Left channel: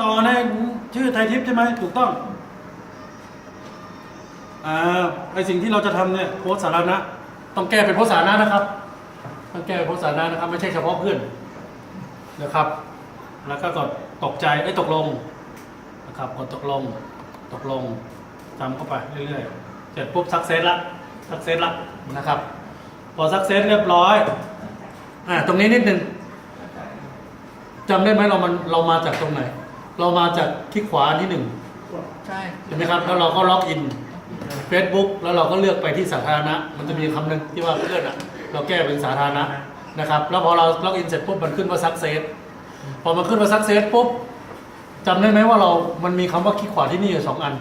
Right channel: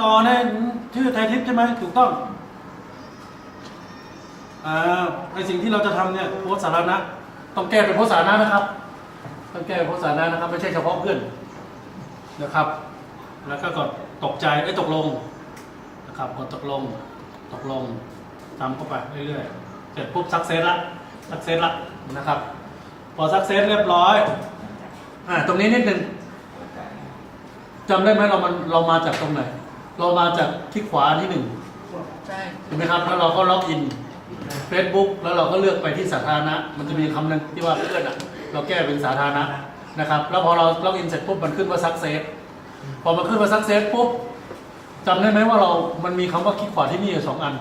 ต่อในชื่อไทยทิพย์ใช่ไหมถูกต้องไอสิ่งที่เราจะทำเนี่ยโพสต์สาธารณะต้องแก้เป็นโพสต์สาธารณะนะครับต้องแก้เป็นโพสต์สาธารณะนะครับไม่ใช่เฉพาะเพื่อนนะครับแล้วก็กดตกใจตกลงนะครับกดตกลงทำเข้าไปเรื่อยๆเสร็จปุ๊บซักเซสละนะครับพอซักเซสเรียบร้อยตรงนี้นิดนึงจำได้ไหมเรามาจากตรงไหนเรามาจากคลิกขวาที่1ใช่ไหมครับแล้วเราก็ล็อกอิน Facebook แล้วเราก็เลือกไปที่สาธารณะมันจะมีคำหนึ่งที่ว่าเลื่อนเราแก้เป็นสาธารณะนะครับแล้วพอเราล็อกอินเสร็จปุ๊บมันขึ้นว่าซักเซสพอมันขึ้นว่าซักเซสปุ๊บจำได้ไหมว่ามันมีคำว่าคลิกขวาที่นี่อยู่2 อัน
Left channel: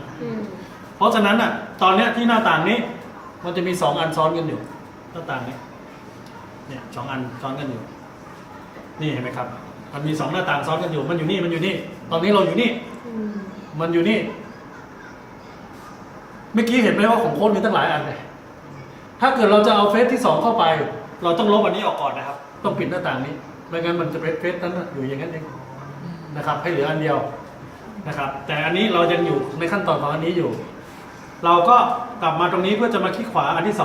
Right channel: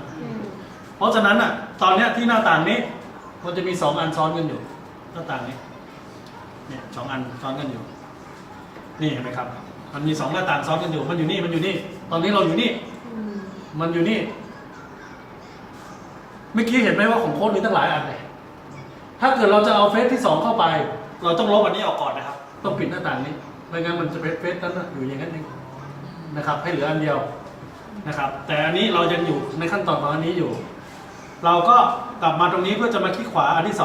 เพราะฉะนั้นตอนนี้ที่หน้าต่างนี้มันจะมี2 อันซ้อนกันอยู่หน้าต่างนี้เนี่ย2 อันซ้อนกันอยู่นี่เห็นไหมครับมันมี2 หน้าต่างซ้อนกันอยู่มันอยู่นี่ตอนนี้เราอยู่นี่มันอยู่นี่เมื่อกี้เห็นไหมว่าของโค้ดมีตั้งหลายอันเลยถ้าเกิดเราจะเอาเฟซที่2เข้าไปเราต้องลบอันนี้ออกก่อนนะครับต้องปิดหน้าต่างนี้ไม่งั้นมันจะเป็นเฟซนั้นอยู่อย่างนั้นเองนะครับให้เหลืออันเดียวนะครับแต่อันนี้เรายังอยู่ในขั้นตอนของอันนี้อยู่เราก็กลับมาตรงนี้เพื่อจะมาคลิกขวาอันที่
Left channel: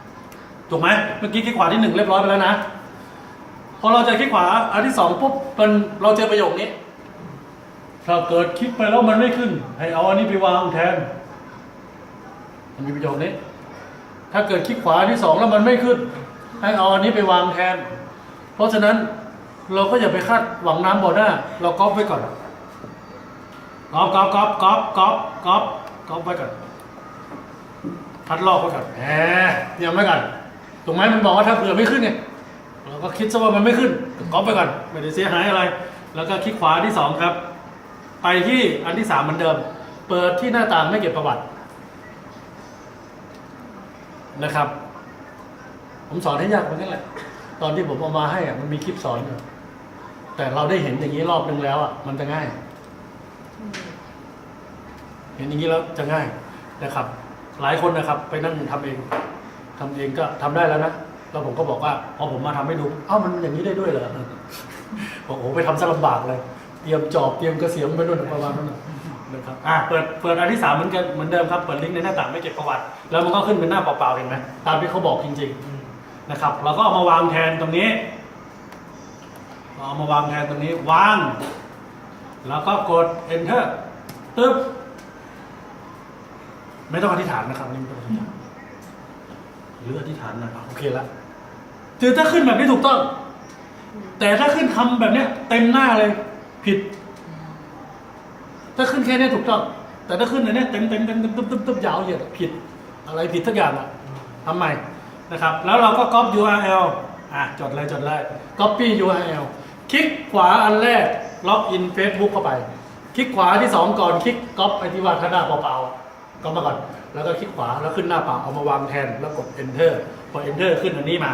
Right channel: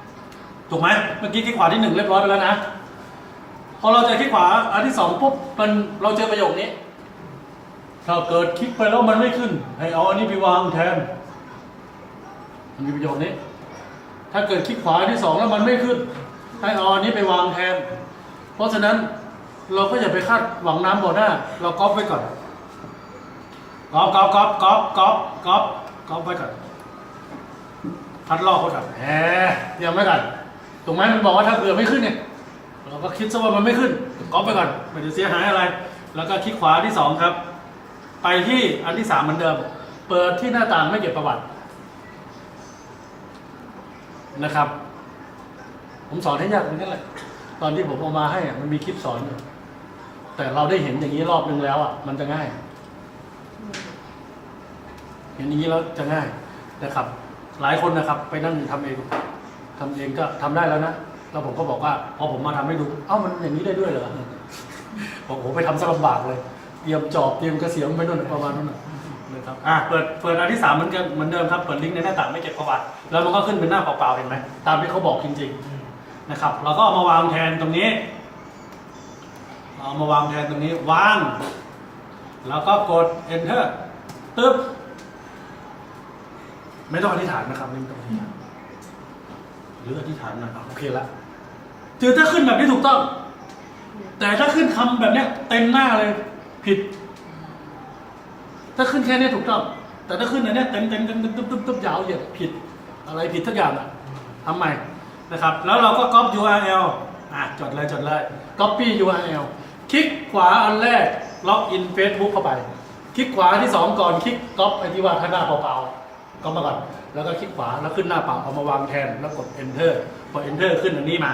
2ถูกไหมเมื่อกี้คลิกขวาที่1เรียบร้อยไปแล้วนะพอเราจะคลิกขวาอันที่2ปุ๊บเราเจอประโยคนี้ถ้าเกิดคลิกไปแล้วมันไม่ขึ้นให้เอาอันนี้ไปวางแทนมันมีประโยคนี้ถ้าเกิดคลิกขวาอันที่2แล้วมันไม่ขึ้นให้เอาอันนี้ไปวางแทนเพราะฉะนั้นเราก็อย่าไปคาดหวังน้ำบ่อหน้าเราก๊อปไว้ก่อนก๊อปไว้ก่อนพัดลอกไว้ก่อนเตรียมไว้ก่อนถูกไหมมันบอกว่าถ้าเกิดไม่ขึ้นเนี่ยเราก็คิดซะว่ามันไม่ขึ้นก๊อปไปก่อนไม่ได้เสียหายอะไรแล้วก็คลิกขวาที่2ครับไปที่อันที่3เหมือนเดิมเปิดที่หน้าต่างไม่เก็บประวัตินะครับผมสอนให้ยากไปนั่นแหละตอนที่ผมเอามาให้มันมีคลิปสอนอยู่แต่เราได้เห็นอย่างนี้รอบนึงแล้วมันจะง่ายเห็นอย่างนี้แล้วจะง่ายนะครับหลายคนนะครับไปนั่งทำเองก็ทำได้แล้วนะแล้วผมก็บอกว่าพอผมมาทำให้ดูมันอย่างนี้ได้ด้วยเหรอบอกโอ้ไปทำซะลำบากเลยเตรียมจอบเตรียมกระเสียมไปด้วยประมาณนั้นนะครับเปิดอันที่3เหมือนเดิมครับเปิดลิงก์ในหน้าต่างไม่เก็บประวัติแล้วมันก็ขึ้นเป็นหน้าเปล่าๆเห็นไหมตามที่เขาบอกจริงๆนะครับเราก็เอามาวางแทนตรงนี้วางแล้วก็กด enter ตึ๊บไม่ต้องอธิษฐานนะครับนี่ไม่ต้องอธิษฐานหรืออธิษฐานนะโอเคแล้วคือถ้าขึ้นแบบนี้ถูกต้องแต่ถ้าขึ้นคำแบบเนี้ยเต็มหน้าเลยผิดถ้าขึ้นแค่นี้ถูกต้องแต่ถ้าขึ้นอันนี้เต็มตึ๊บยาวเหยียดผิดอะไรผิดทุกอย่างทำใหม่นะครับแล้วเราก็ copy URL จดเลย copy URL คลิกขวาอันแรกล็อกอิน Facebook เข้าไปคลิกขวาที่2ก่อนคลิกก๊อปไอที่ว่าข้างหน้าเปล่าๆก็มาก่อนแล้วก็คลิกขวาแล้วขึ้นหน้าเปล่าเอามาวางแทนแล้วกด enter พอ enter ขึ้นอันนี้มา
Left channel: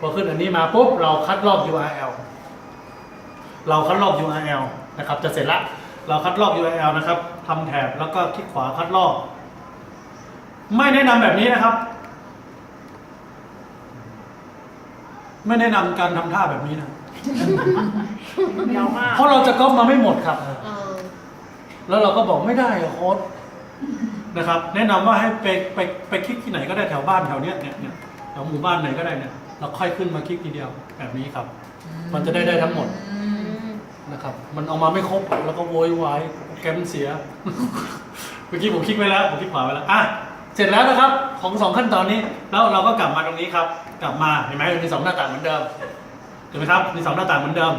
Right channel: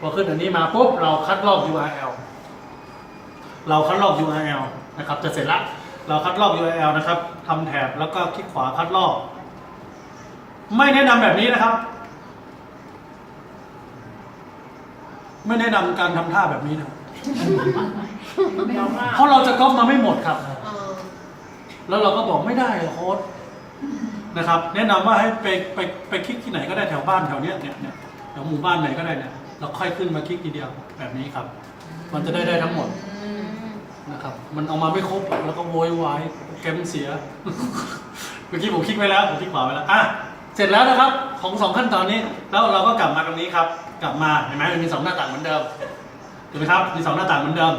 พอขึ้นอันนี้มาปุ๊บเราคัดลอก URL นะครับจะเสร็จละเราคัดลอก URL นะครับทำแถบแล้วก็คลิกขวาคัดลอกไม่แนะนำแบบนี้นะครับไม่แนะนำการทำท่าแบบนี้นะเพราะเราจะก๊อปมาไม่หมดครับแล้วเราก็บอกไม่ได้โค้ดนะครับแนะนำว่าให้ไปคลิกที่ไหนก็ได้แถวบ้านแถวเนี้ยแถวหมู่บ้านไหนก็ได้เนี่ยเราค่อยขึ้นมาคลิกทีเดียวแบบนี้ครับมันจะได้ทั้งหมดนะครับมันเอามาไม่ครบแล้วก็โวยวายแกมเสียเมื่อกี้ผมคลิกไว้แล้วผมคลิกขวาไว้แล้วเสร็จแล้วนะครับของ2ขั้นตอนนี้แล้วเราก็กลับมาตรงนี้ครับกลับมาเห็นไหมมันมี2หน้าต่างเหมือนเดิมถูกไหมครับมี2หน้าต่างเหมือนเดิม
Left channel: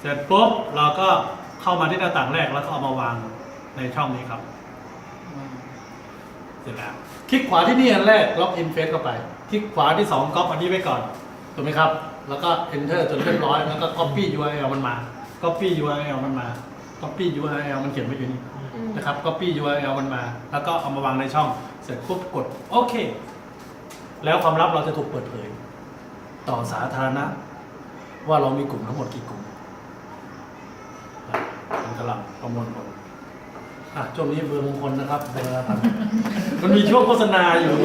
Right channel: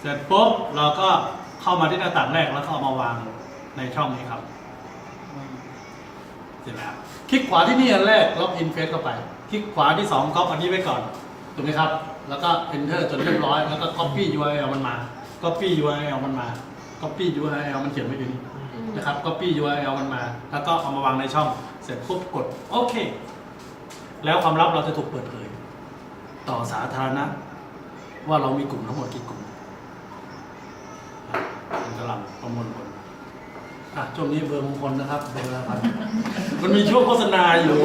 เสร็จปุ๊บเราก็เข้ามาที่หน้าต่างแรกแล้วก็เอามาวางในช่องนี้ครับเสร็จแล้วคลิกขวาที่นี่อันแรกล็อกอินเฟซเข้าไปคลิกขวาที่2ก๊อปอันนี้ไว้ก่อนถูกไหมครับแล้วก็ enter จนเรียบร้อยแล้วก็ copy URL มันมา copy URL มันเขียนไว้อยู่นี่นะครับ copy URL มันมาแล้วก็เอามาวางในช่องเสร็จปุ๊บกดโอเคแล้วความลับเราจะถูกเปิดเผยต่อสาธารณะว่าเรามีกลุ่มทั้งหมดกี่กลุ่มมันกำลังประมวลผลช่วงนี้เบอร์มงคลนะครับเบอร์ครับมันมีช่วงโฆษณาอยู่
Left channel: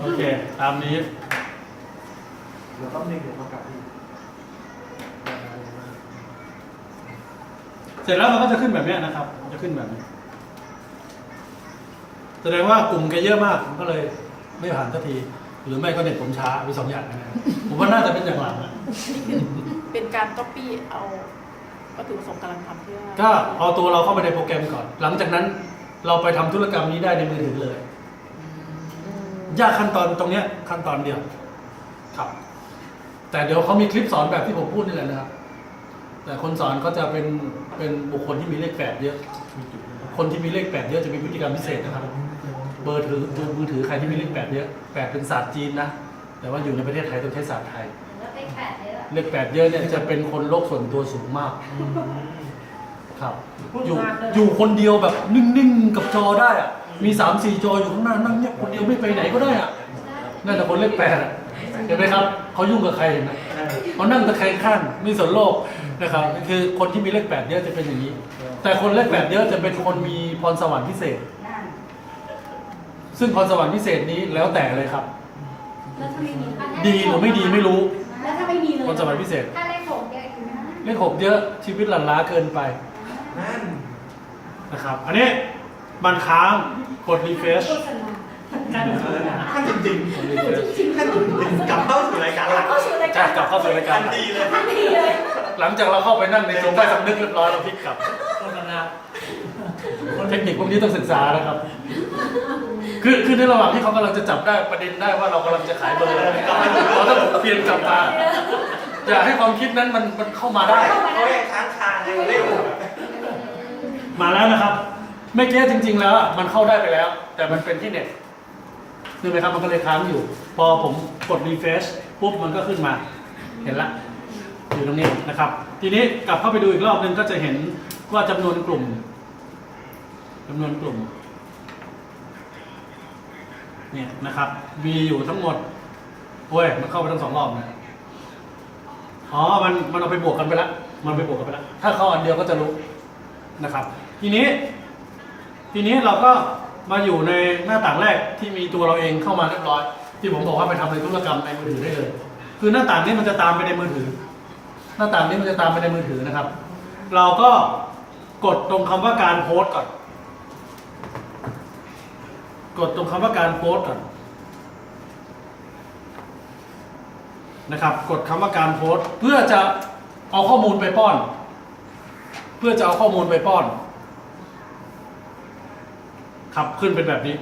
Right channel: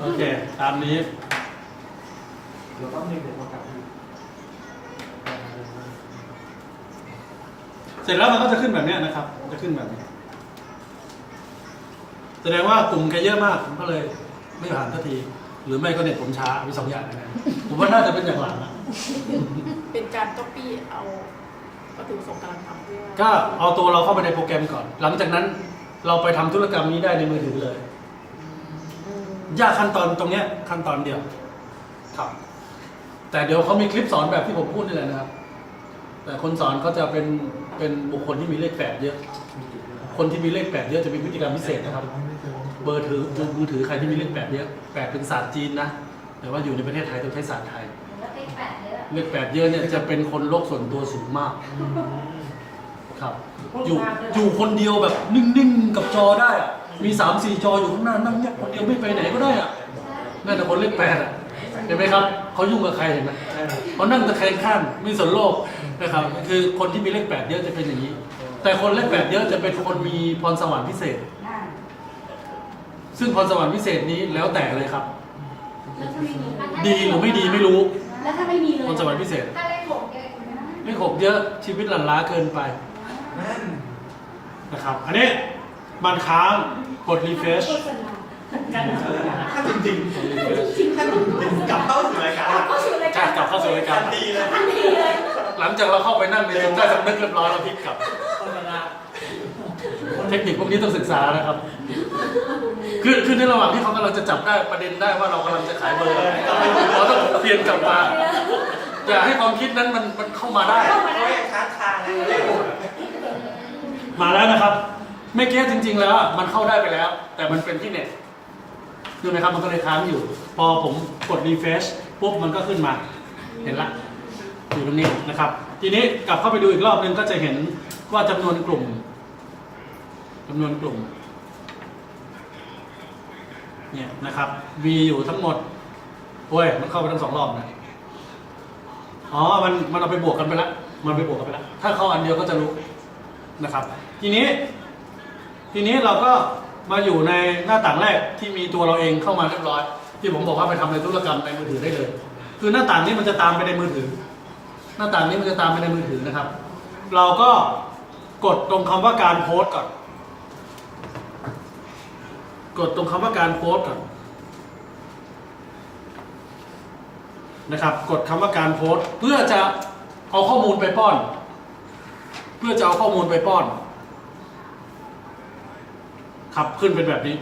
โอเคตามนี้เราต้องเดี๋ยวประกาศ เสร็จแล้วมันก็จะขึ้นแบบนี้นะครับจะขึ้นแบบนี้แสดงว่ากลุ่มแกเยอะมากผมก็เลยไม่ผ่านสักทีหรือไม่ก็เน็ตผมช้าไป2 อย่างนะครับผมว่าน่าจะเป็นอย่างหลังนะ เป็นการก๊อปปี้เอาวัตถุประสงค์กำลังทำเพื่อ ก็เอาตัวเราเข้าไปในโปรแกรมก่อนหลังจากนั้นเราไปทำธุรกรรมนี้ได้ในมือถือเลยยากขั้นตอนตรงเนี้ยขั้นตอนเดียวครับแต่เดี๋ยวเขามีคลิปสอนแบบที่ผมพูดนี่แหละนะครับแต่คนสอนก็จะเป็นบุคคลที่มีเลข8เยอะคนที่มีเลข8เยอะจะมีพฤติกรรมพิเศษนะครับเบอร์ถือมือถือใครที่มีเลข8เยอะ8เป็นศาสตร์จีนนะแต่ว่าอยู่ในประเทศไทยต้องใช้ศาสตร์ไทยเลข8เยอะเนี่ยจะเป็นคนโลกส่วนตัวสูงมากครับอยู่คนเดียวแบบนิ่งๆกับจอได้อะมี3-4 จออยู่ข้างหน้านั่งเงียบคนเดียวไม่ไปไหนก็ได้อะนี่แต่คนเลข8อะเห็นไหมครับเขายุ่งกับใครเห็นไหมเขานั่งตะแคงข้างไม่สนโลกนะครับคือคนที่มีเลข8เยอะจะเป็นอย่างนี้แต่คนเลข8เยอะจะเป็นคนมีพรสวรรค์พิเศษซึ่งพรสวรรค์พิเศษนี้แล้วแต่เลยครับดีหรือไม่ดีไม่รู้ แล้วถ้าไม่มีเลย พรสวรรค์พิเศษ ถ้าเลข6เนี่ยคือไม่ได้ เลข6เยอะชีวิตหลั่นล้าเกินไปนะครับอันนี้มันค้างกดรีเฟรช โฆษณาการโฆษณา ถ้าจริงๆถ้าผมกลับเข้าสู่รายการ เข้าสู่ราย ก การ กลับเข้าสู่รายการ ดีเลย ทันทีเลย หลังจากเราเข้าไปนั่งในจุดได้สำนึกเรียบร้อยเราพลิกกลับ โฆษณา เทคนิคพวกนี้ต้องศึกษานะครับ คือในระหว่างที่เขากำลังจะจับได้ประเด็นได้ว่าเรากำลังจะขายเบอร์เราต้องเพียนกลับมาอย่าให้ความคิดนั้นมันเข้ามาได้ เขาให้ค้างคาเลยเร็ว มาแล้วนะครับเมื่อกี้จริง ๆ แล้วมันเข้าได้ไปแล้ว แต่มันเป็นที่เน็ตดูไหมครับมันก็เลยค้างอยู่ พอผมกดรีเฟรชปุ๊บมันก็ขึ้นมาเห็นละอยู่ตรงนี้นะครับ ทีนี้กลับเข้าไปดูอีกรอบนึงก็จะเห็นว่าจำนวนกลุ่มเนี่ยนะครับมีอยู่ทั้งหมดโอ้ยมันเข้าไปทั้ง2 รอบนะอ๋อมันเอาไปบวกกันไปแล้วมันไปบวกกันไปแล้วถ้าเข้าอันเดียวก็จะรู้นะครับ ทีนี้เราก็มาอยู่ในหน้าต่างแรกที่มีตัวเราเองเข้ามาเรียบร้อยที่ผมบอกว่าไปทำในธุรกรรมในมือถือได้เลยคือหน้าต่างนี้มันจะตามไปในมือถือ หน้าต่างนี้มันจะตามไปในมือถือนะครับ เราก็กดตรงคำว่าการโพสต์ก่อนกดตรงคำว่าการโพสต์ก่อนนะครับกดคำว่าการโพสต์เพื่อจะเอาข้อมูลไปป้อนครับขึ้นเป็นแบบนี้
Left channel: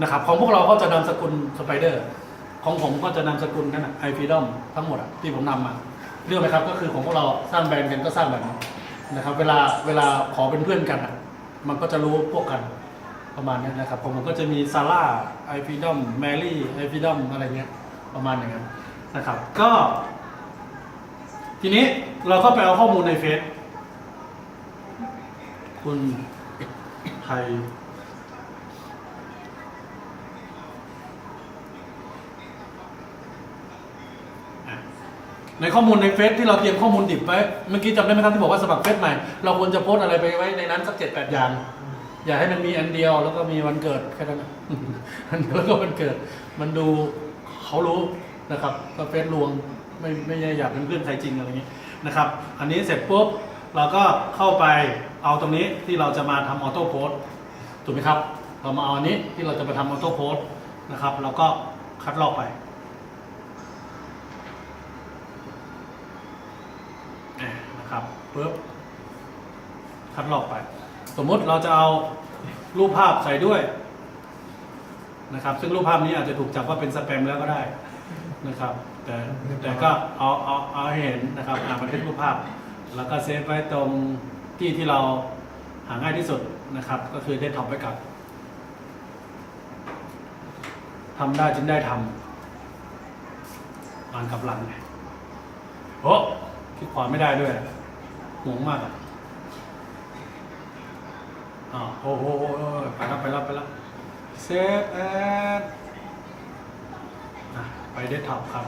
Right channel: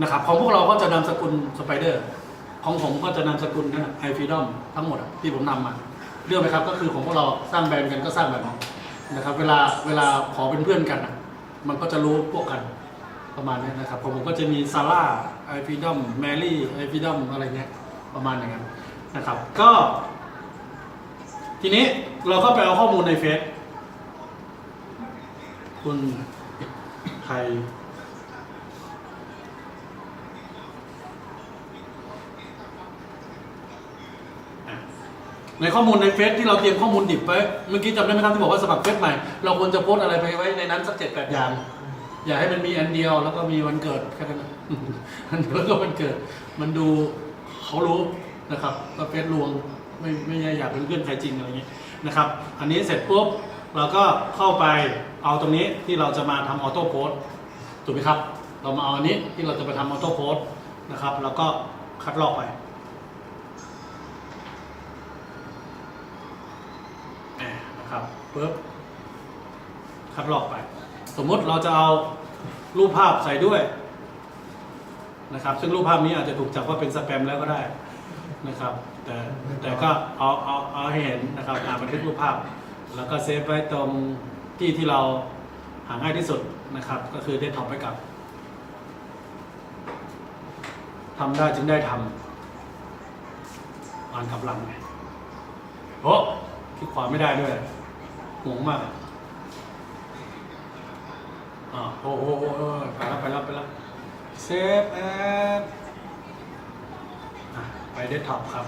นะครับของพวกเราก็จะนามสกุลสไปเดอร์ของผมก็จะนามสกุลนะครับไอฟีดอมทั้งหมดที่ผมนำมาเรื่องไหมครับก็คือของพวกเราสร้างแบรนด์กันก็สร้างแบบนี้นะครับเวลาขอเป็นเพื่อนกันมันก็จะรู้พวกกันประมาณนี้นะครับผมก็จะมีซาร่าไอฟีดอมแมรี่ไอฟีดอมอะไรเงี้ยประมาณอย่างนั้นนะครับก็ทีนี้เราก็ไปเอาข้อมูลในเฟซคุณไทยในข้อมูลในเฟซที่เราเตรียมข้อมูลดิบไว้เมื่อกี้จำได้ไหมครับที่บอกว่าสมัครเฟซใหม่เราควรจะโพสอะไรไปไว้ในนั้นสัก7-8 อย่างอย่าให้มันมีอันเดียวแล้วก็มีวันเกิดแค่นั้นแล้วก็วันเกิดมันดูเขารู้นะครับก็เฟซลวงไม่อยากเป็นเพื่อนใครจริงอะไรอย่างนี้นะครับอันนี้เสร็จปุ๊บเราก็เข้าไปเอาตรงนี้ที่เราจะมาทำออโต้โพสถูกไหมครับเรามาเอาอันนี้ที่เราจะไปทำออโต้โพสนะครับแล้วก็คัดลอกไปนะครับปุ๊บคัดลอกไปสมมุติเราจะเอารูปภาพใส่ด้วยนะครับซึ่งรูปภาพนี้อาจจะถูกจับว่าเป็นสแปมแล้วก็ได้นะครับแต่ก็เอาให้เห็นนะครับบันทึกรูปภาพแล้วก็เซฟไว้ตรงที่เราหาง่ายที่สุดนะครับก็คือเดสก์ท็อปไว้กับทำได้จึงได้ทำอ่านกลับหลังโอ้คลิกขวาไม่ได้ด้วยงงมากโอ้ไปแล้วเซฟแอดไปเดสก์ท็อปครับ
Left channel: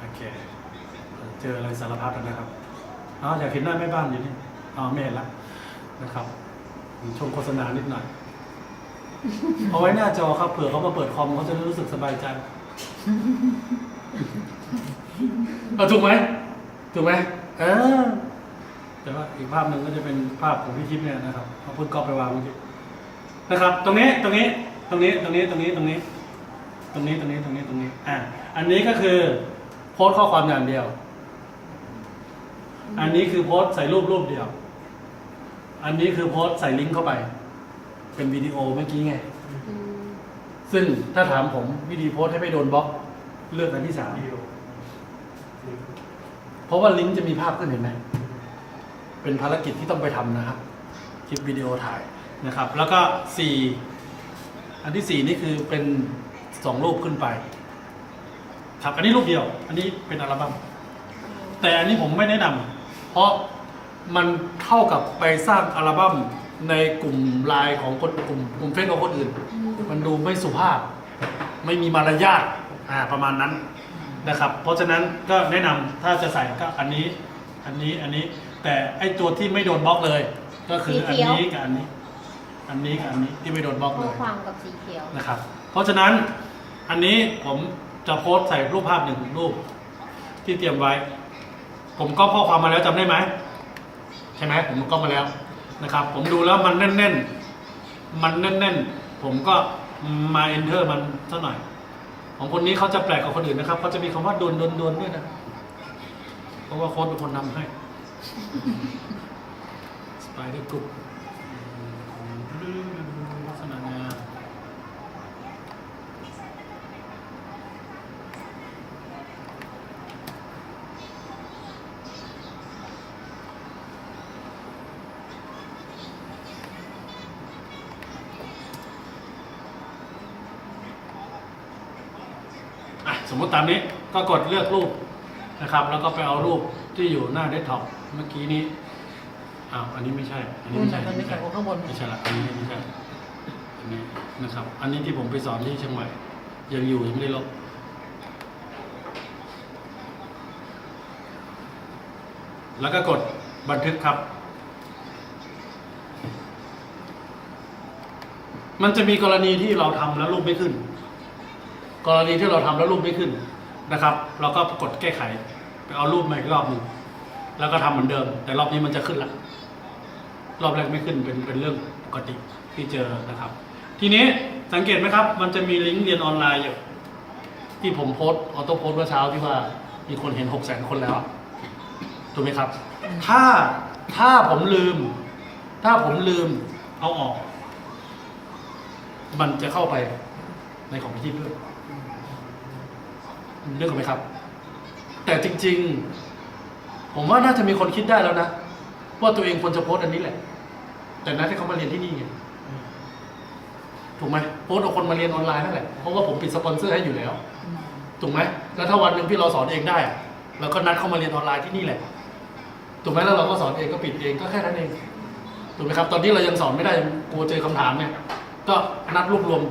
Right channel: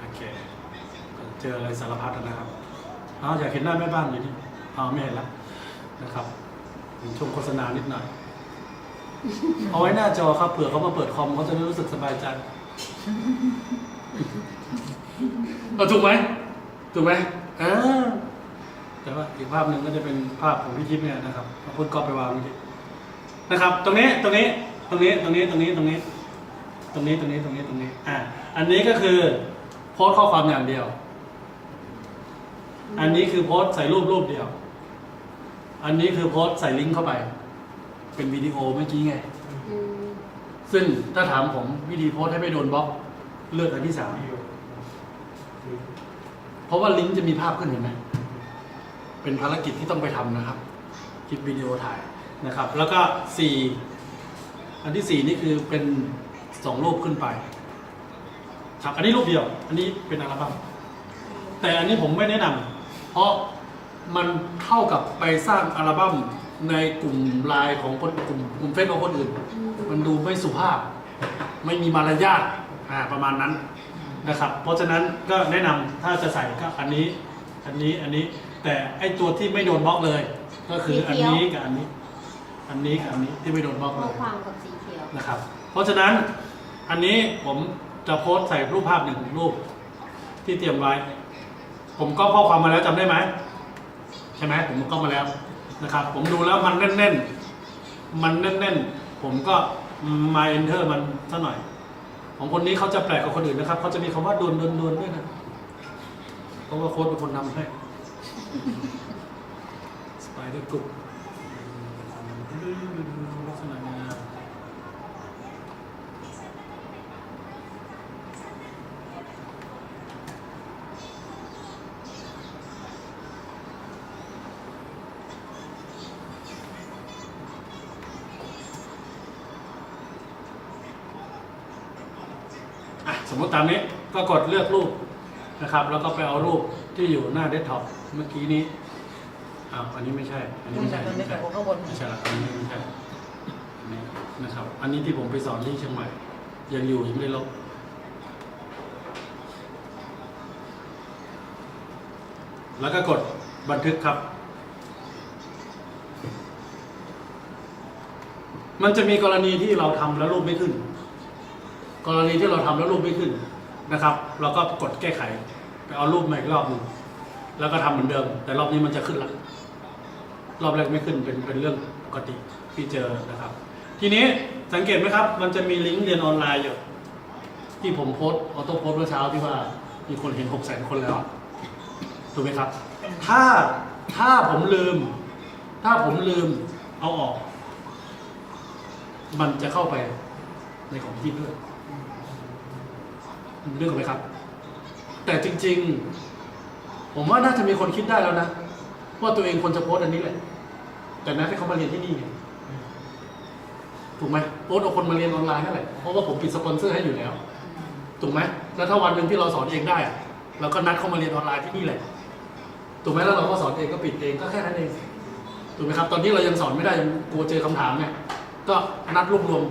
โอเคเจออะไรสารพัดนะครับอยากเห็นหน้าแม่บ้านอยู่นี่ไม่เห็นแล้วนะครับชมโฆษณานิดหน่อยเอาไว้หน้าจอครับเผื่อเขามาเปิดคอมเขาจะรู้สึกสบายใจถูกไหม ถูกไหมแต่ว่าอีกภาพหนึ่งก็จะเป็นภาพของพี่ทิพย์เนี่ยนะครับเอาพุทธก๊อปไปวางไว้ที่นะครับ ตรงนี้อันนี้ก็คือโพสต์ข้อความอย่างเดียว อันนี้คือโพสต์ใส่รูปเดียว อันนี้คือโพสต์ใส่ลิงก์เข้าไป เป็นวิดีโอเมื่อกี้ไง ซึ่งถ้าถามผมวิธีโพสต์ให้ไม่โดนบล็อกเลือกอันที่ 3เพราะว่าลิงก์จะมีภาพขึ้นเห็นไหมเป็นภารกิจที่ต้องไปทำนะครับคลิปวิดีโอถ่ายนะครับ แล้วก็4อันที่4นี่คือเป็น2รูปขึ้นไปครับอันนี้รูปเดียว อันนี้เป็นอัลบั้มแต่อันนี้ผมไม่แนะนำเพราะมันเท่ากับไปสร้างอัลบั้มในกลุ่มไลน์ของคนกลุ่มเฟซของคนอื่น มันดูไม่สุภาพ ไม่มีมารยาทประมาณนั้นนะครับ เพราะฉะนั้นก็แนะนำถ้าจะใส่ก็อันนี้ แต่ไอตัวที่ไม่โดนบล็อกเลย ก็คืออันนี้กับอันนี้ที่ไม่โดนบล็อกเล ข้อย ความกับสีเขียว นะครับ เพราะฉะนั้นอันนี้ผมจะโพสต์ใส่รูปภาพ1รูปที่เตรียมไว้ ผมก็ข้อความมาแล้วจำได้ไหมใช่ไหมผมก็มาแล้วนะครับ ผมดูแล้วมันแน่นผมก็มา enter มันเท่าหน่อยของคนนี้เขาจะแปลกกว่าคนอื่นนะครับเขาจะมีคำว่าดวนด้วยนะเพราะว่าโค้ดเป็นคนนำให้สไตล์ได้กลุ่มลักษณะงานสมมติตามนี้ก็กดเลือกรูปนะครับ แล้วก็ไปเอารูปที่อยู่หน้าเดสก์ท็อปเมื่อกี้นี้อันนี้ไม่ใช่ละอันนี้ไม่ใช่ละอันนี้นะครับ อันนี้ที่ผมไปสอนที่เชียงใหม่ยังอยู่ยังไม่ได้ลบแล้วก็กดบันทึกครับมันจะมีกรณีที่เราทำแล้วรูปไม่ขึ้นกรณีที่เราทำแล้วรูปไม่ขึ้นนะครับ เราก็กดแก้ไขไปเอารูปมาอีกรอบหนึ่งแล้วก็ทำเหมือนเดิมแต่รอบนี้มันจะขึ้นละรอบแรกไม่ขึ้นเป็นเรื่องปกติที่เจอนะครับ ทีนี้สังเกตไหมครับมันจะมีลิงก์เรียนออนไลน์อยู่ที่ผมโพสต์ออโต้โพสต์เมื่อเช้าที่ว่ามีคนเห็น 600,000 คนแล้วถูกไหมครับถ้าผมลืมเอาออกมันจะเข้าไปในของพี่ด้วยเรื่องไหมครับแต่จริงๆผมว่าน่าจะมีคนคิดได้แล้วนะว่าตัวเองควรจะโพสต์อันนี้แหละแต่นัดให้เขามาเรียนที่นี่ไงถูกไหมโพสต์เอาคนมาเรียนออนไลน์นั่นแหละเพราะว่าผมปิดสปอนเซอร์ให้อยู่แล้วถูกไหมแล้วถ้าวันหนึ่งที่เราสอนเองได้เราก็นัดเข้ามาเรียนออนไลน์ที่นี่แหละถูกไหมแล้วเราก็สอนเองก็ปิดเองก็แค่นั้นเองถูกไหมครับตอนนี้เรายังสอนไม่ได้กลัวเจอคำถามเนี่ยก็นัดรวบรวม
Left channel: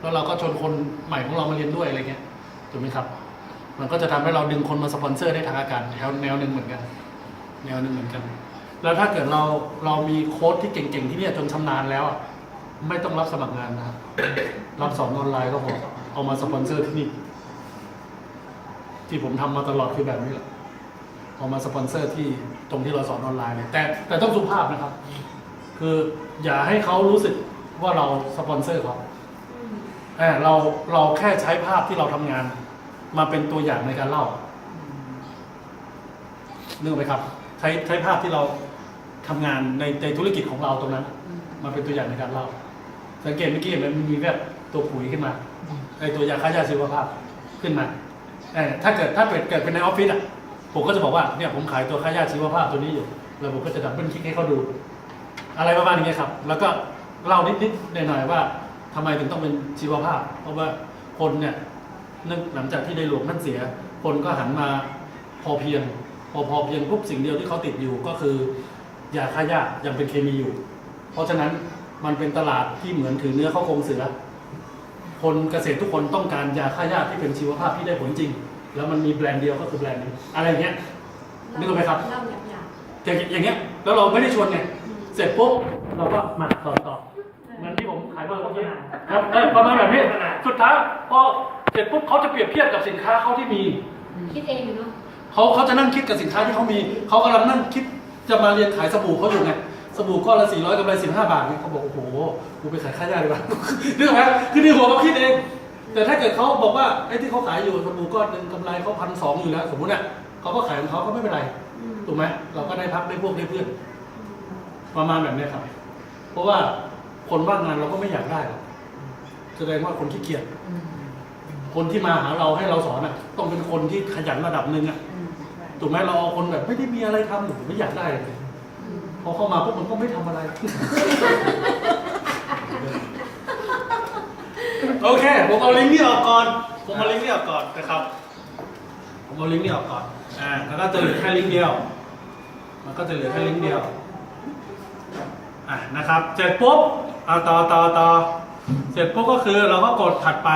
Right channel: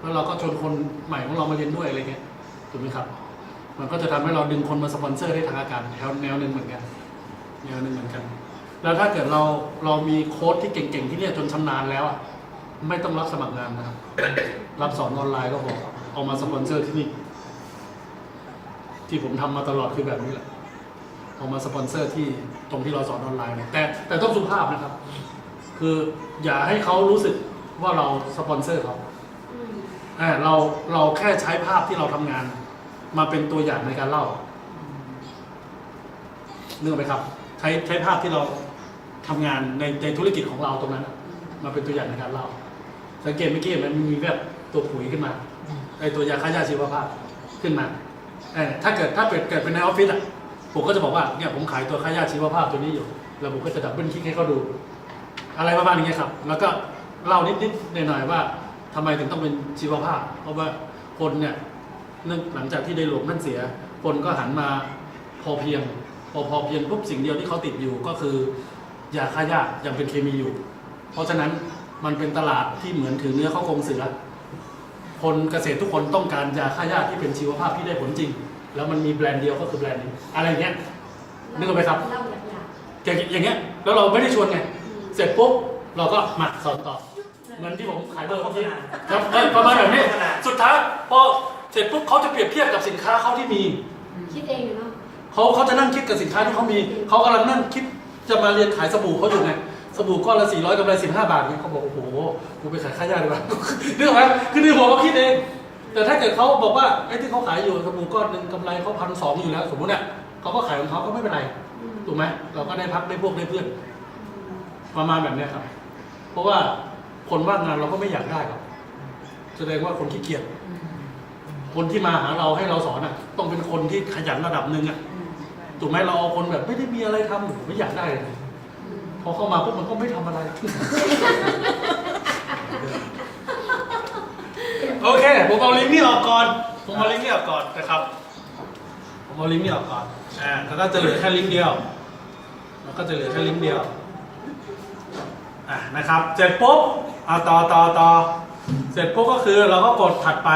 แล้วเราก็ชวนคนใหม่ของเรามาเรียนด้วยอะไรเงี้ยถูกไหมครับมันก็จะทำให้เราดึงคนมาสปอนเซอร์ได้ทางอากาศแนวหนึ่งเหมือนกันแล้วถ้าเกิดเรามีโค้ชที่เก่งๆที่นี่จนชำนาญแล้วไม่ต้องรับสมัครงานนะครับรับสอนออนไลน์ก็พอเอามาสปอนเซอร์ที่นี่ที่ผมทำมาตลอดคือแบบนี้แหละเอามาสปอนเซอร์ที่ตรงที่เราสอนออนไลน์แต่ต้องสุภาพนะครับคืออย่าให้เขารู้สึกว่าเราสปอนเซอร์เขาเราแค่ใช้ภาพที่เราทำงานมาเป็นตัวอย่างในการเล่านึกออกไหมครับใช้ภาพที่เราทำงานในธุรกิจของเราตรงนั้นมาเป็นตัวอย่างในการเล่าสังเกตเมื่อกี้มันมีแบบตัวปุ๋ยขึ้นมาไอตัวยาฆ่าหญ้าชีวภาพขึ้นมาถ้าเกิดเป็นในออฟฟิศผมก็จะบอกว่าเนี่ยผมขายตัวฆ่าหญ้าชีวภาพตัวนี้อยู่แล้วผมก็จะดับเบิลคลิกให้เขาดูอะไรประมาณนี้ครับแล้วก็เล่านิดๆหน่อยๆว่าทำไมถึงต้องเป็นชีวภาพเพราะว่าคนเนี่ยหลังจากที่ได้หลวงท่านเสียคนก็หันมาพอเพียงปุ๊บสิ่งเดียวที่เขาติดอยู่ก็คือยาฆ่าหญ้ายังเป็นเคมีอยู่เพราะฉะนั้นมันเป็นตลาดที่เหมือนถือเนื้อเข้าโครงเสือคนเกษตรทุกคนต้องการยาฆ่าหญ้าที่เป็นชีวภาพที่ได้ผลจริงแล้วมันมีแบรนด์เดียวก็คือแบรนด์นี้อะไรเงี้ยนึกออกไหมครับอย่างเงี้ยแล้วเราไม่ได้ชวนไงเสร็จปุ๊บเราก็มาสอนต่อเหมือนที่ผมขายเบอร์เมื่อกี้ครับประมาณแบบนี้สุดท้ายพอเสร็จปุ๊บเขาจะเปรียบเทียบกับสินค้าเขาที่มีคิดเองเนาะ เขาจะนั่งคิดกับสินค้าที่เขามีเขากำลังนั่งคิดจะมาเรียนขายสบู่เขาอยู่ไงสบู่ก้อนละ400กำไร15 บาทเนี่ยเขาบอกโอ้โหกูไปขายค่ายาดีกว่า นึกออกไหมคือในหัวเขาคิดเองแต่ถ้าเกิดเขาบอกว่าไอ้ที่เขาขายอยู่สบู่ก้อนหนึ่งกำไรเขา1,200อยู่แล้วสมมุติเนี่ยเขาก็ขายของเขาก็ไม่เป็นไรถูกไหมเราก็ได้พักได้พวกได้เพื่อนประมาณแบบนี้ครับเพราะว่าคนว่างงานเราก็ไม่อยากได้หรอกแสดงว่าคนขี้เกียจคนที่มาหาเราให้เราสอนต้องเป็นคนที่ขยันระดับหนึ่งถูกไหมเราเอาคนแบบไม่ได้มีอะไรทำผมไม่อยากได้เลยพอเข้ามาพวกมันก็ไม่ทำอะไร โอเคผมเอาลิงก์นี้ออกก่อนนะครับผมเอาลิงก์นี้ออกก่อนแล้วก็จะเหลือแค่ลิงก์เดียวนะครับเสร็จปุ๊บต่อเสร็จปุ๊บก็คือเราก็กดถัดไป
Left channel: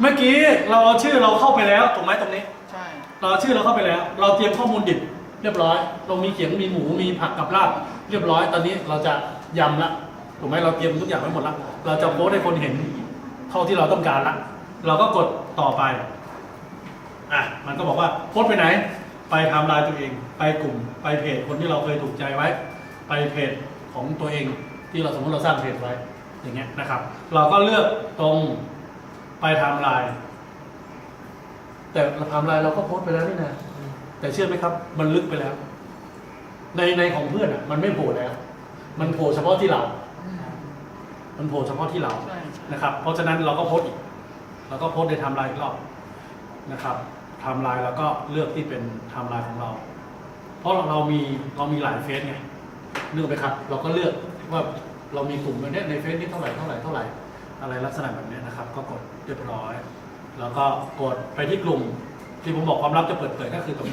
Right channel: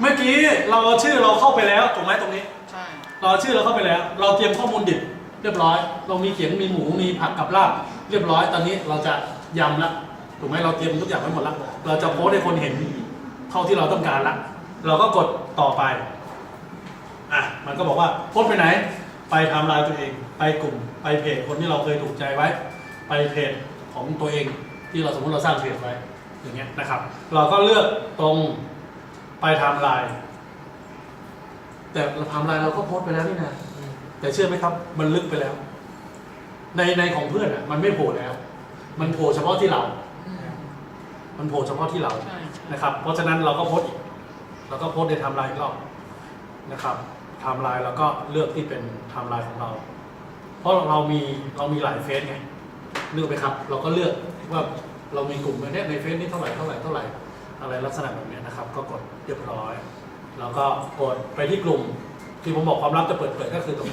เมื่อกี้เราเอาชื่อเราเข้าไปแล้วถูกไหมตรงนี้ใช่เราเอาชื่อเราเข้าไปแล้วเราเตรียมข้อมูลดิบเรียบร้อยเรามีเขียงมีหมูมีผักกับลาบเรียบร้อยตอนนี้เราจะยำละถูกไหมเราเตรียมทุกอย่างไว้หมดแล้วเราจะโพสให้คนเห็นเท่าที่เราต้องการละเราก็กดต่อไปมันก็บอกว่าโพสไปไหนไปไทม์ไลน์ตัวเองไปกลุ่มไปเพจคนที่เราเคยถูกใจไว้ไปเพจของตัวเองที่เราสมมติเราสร้างเพจไว้อย่างเงี้ยนะครับเราก็เลือกตรงไปไทม์ไลน์แต่ไทม์ไลน์เราก็โพสไปแล้วนี่นะแต่เชื่อไหมครับมันลึกไปแล้วในของเพื่อนมันไม่โผล่แล้วมันโผล่เฉพาะที่เรานะครับเพราะฉะนั้นเราก็โพสอีกเราก็โพสในไทม์ไลน์อีกรอบนะครับไทม์ไลน์เราก็เลือกที่เป็นไทม์ไลน์ของเราเพราะเรามีหลายเฟซไงนึกไหมครับเราก็เลือกว่าเรามีกลุ่มในเฟซนี้เท่าไหร่อะไรลักษณะแบบนี้นะครับก็กดเรียบร้อยแล้วก็กดไปที่กลุ่มที่ผมบอกความลับจะเปิดเผยก็คือตรง